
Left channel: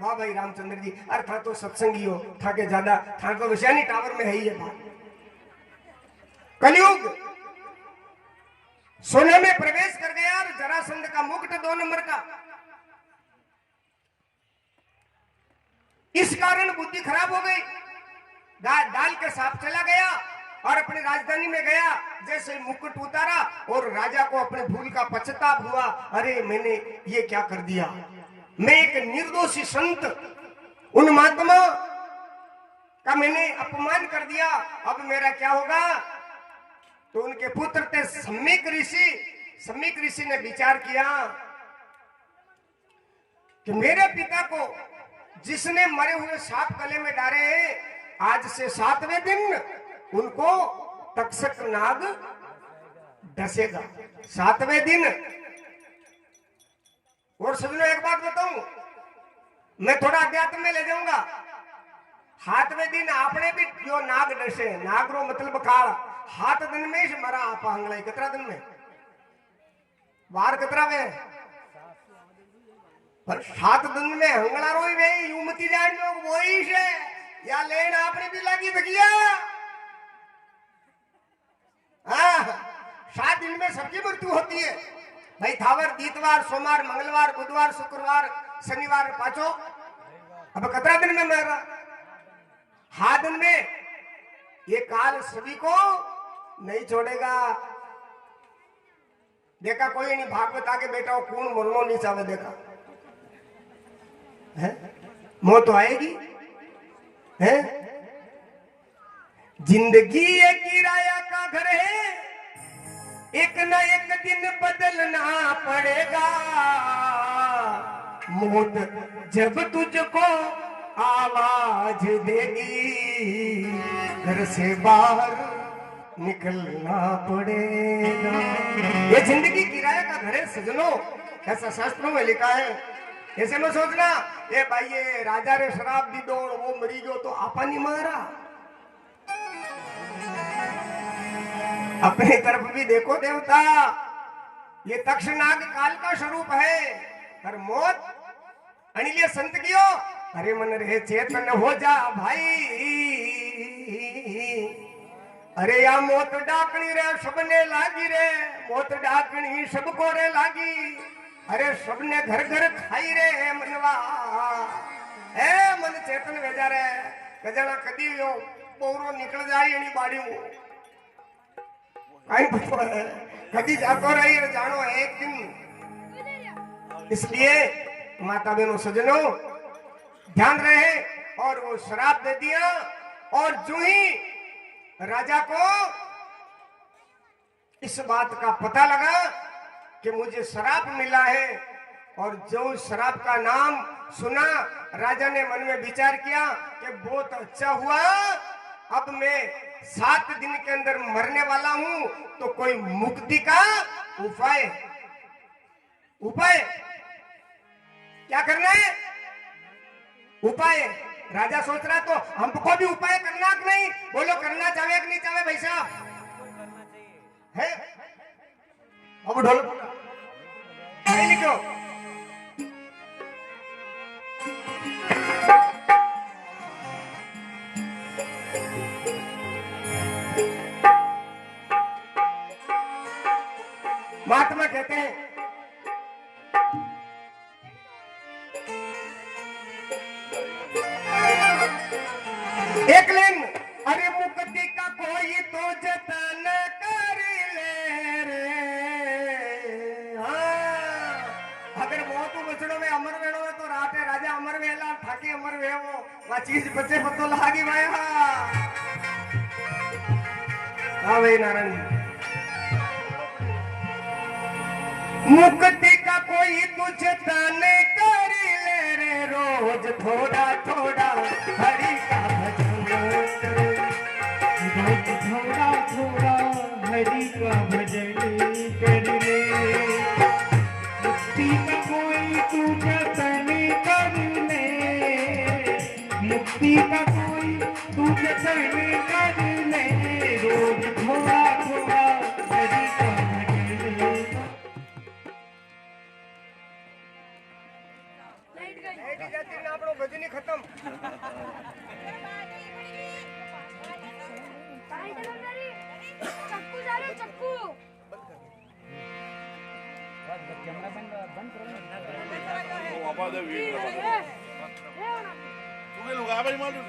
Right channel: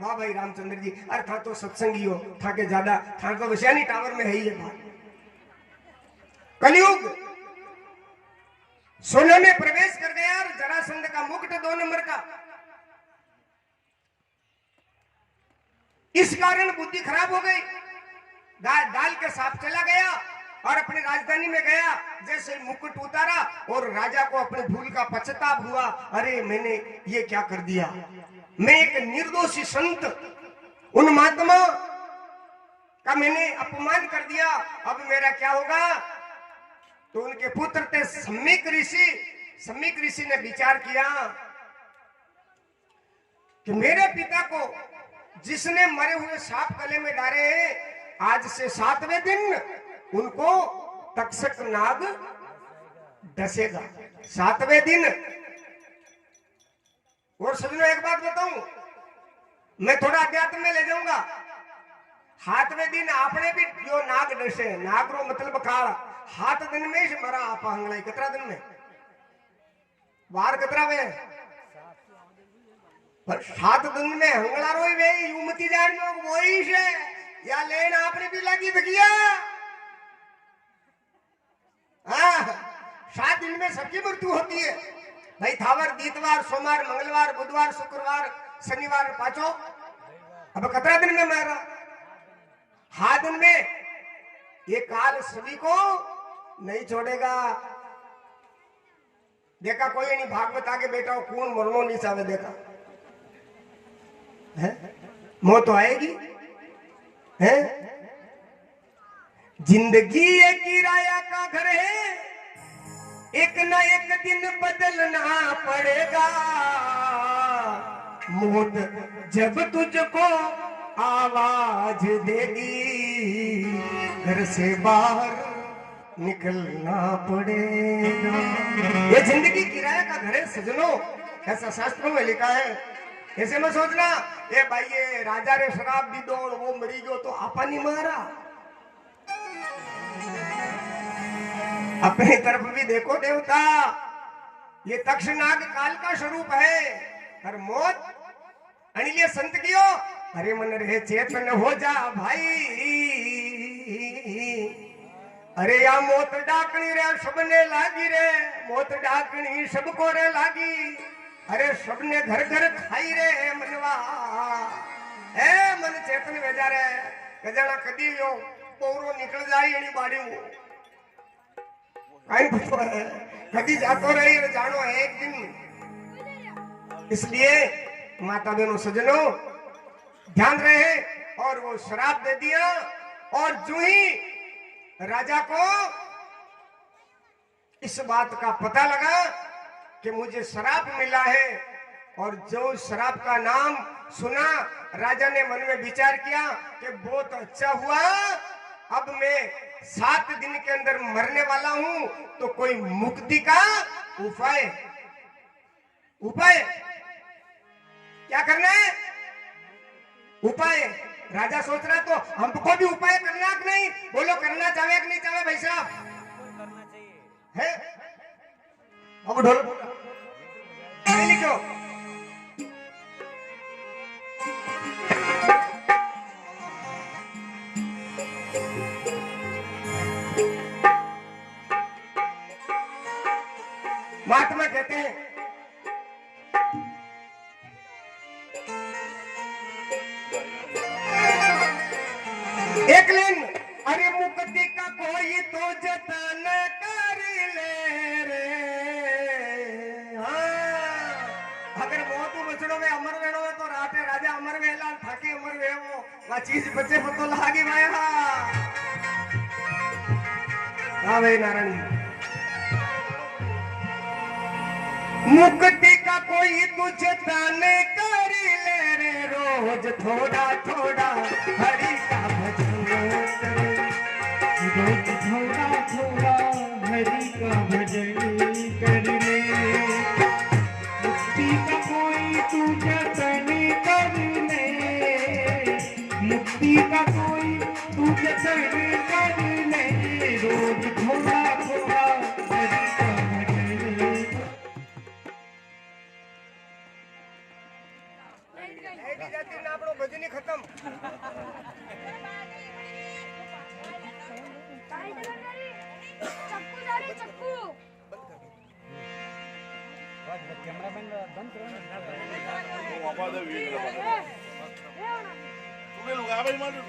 वाह भाई रामचंद्र जी। अरे था तो सत्संगी हो, था के ज्यादा था तो विषयानी टावर में है ही है बात। कलयुग सोने में प्रवेश कर गया और जरासंध का मुकुट 2 नंबर का। इस कारण बुद्धि खराब हो गई, दाल के सांप चला गया और अपनी राजधानी में गया। जैसे मुकुट उतारा और राजा को अपने भूल का पश्चाताप हुआ, अरे मैंने ये क्या कर दिया, मैं एक निर्दोषी संत उन महात्मा का मैंने अपमान कर दिया, अब मेरा क्या होगा? तो उनके पुत्र थे सम्यक ऋषि ने विचार किया कि मेरे पिता को जिसने मरे हुए सांप गले में डाले हैं, आज से 7वें दिन उनको तक्षक नाग डसेगा। 7वें दिन। और समझो एक बात बताऊं, मैं थोड़ा अध्यात्म में ले जाऊंगा। 7वें दिन आपने भी जो नाग डसे, नागरो मतलब काल, हाथ दिन में ज मारा आपा हंगलाई कतरा दिन में वार कतरा में पर 7 दिन में हंगला रोई वे यूमती जान लोग वही से या लेन आपने भी लगी तकिया हाँ 7 दिन में सबकी मृत्यु होती है भाई थावर दीतवार सोमवार मंगलवार बुधवार शुक्रवार शनिवार पांचों अब कतरा दिन में मर रहा 7 दिन में ये काल सभी को नहीं छोड़ेगा देखा कोई नहीं भागवत आगे बैठा हो कौन मरनो नहीं चाहे देखा है मौत तो आएगी है जिंदगी एक किराया का घर है एक न एक दिन बदलना पड़ेगा मौत जब तुझको आवाज देगी घर से बाहर निकलना पड़ेगा ये जिंदगी किराया का घर है सजनों ऐसा शास्त्रों में लिखा है ऐसे में सोचना ये भाई ये राजा रे शराब दी दो और वो मरी गयो तो आपा नहीं मारा अपनी तरफ भी देखो देवता ये तक्षनाग काल का स्वरूप है पर मौत अनिले संत कियो अरे मन रे चेतन हो जा भाई अरे या मौत डाकनी रे सबने लागी रे मौत डाकनी सबको रे लागी अरे सबने घर घर खाई रे मनवा ए मन चेतन वेजा रे गजाना कदी यो पोरो निकल जाई एनी बाड़ियो काई पतो है कदी जातो रही रे जानो एक दिन इसलिए माता बहनों सजनों ध्यान रहे और वो शराब दे दिया और जो ही राजा को इस बात का पता लगा कि मुझे शराब मिला है और जो शराब का नाम सुना राजा ने मन में विचार किया कि बहुत अच्छा हुआ अब मैं 7 दिन के अंदर मरने वाला हूं तो कोई मुक्ति का उपाय उपाय क्या करना है उपाय राजा सोच रहा तो हमको भी उपाय करना कि नहीं बोलो करना चाहे कि नहीं चाहे भाई साहब है अब ढोल लिखो महात्मा कहते हैं एक दिन अरे मुक्ति का कोई तो जतन कर ले रे हाँ अगर मौत बचड़ों में अमर वेणो है तो राटे राजा अमर वेला ठाके अमर वेवो वा चीज बच्चे पतो लागी भाई हाँ भाई नारायण मुक्ति का कोई तुझे तने कर ले रे रोज थोड़ा थोड़ा हरि का भजन करे रोज थोड़ा थोड़ा हरि का भजन कर ले मुक्ति का कोई तू जतन कर ले मुक्ति का कोई तू जतन कर ले रोज थोड़ा थोड़ा हरि का भजन लाइट जाती ना आपनो भजन ही खत्म चक्कू जा रहे चक्कू आवाज आ रही है तुम्हें लोग आ गए मालूम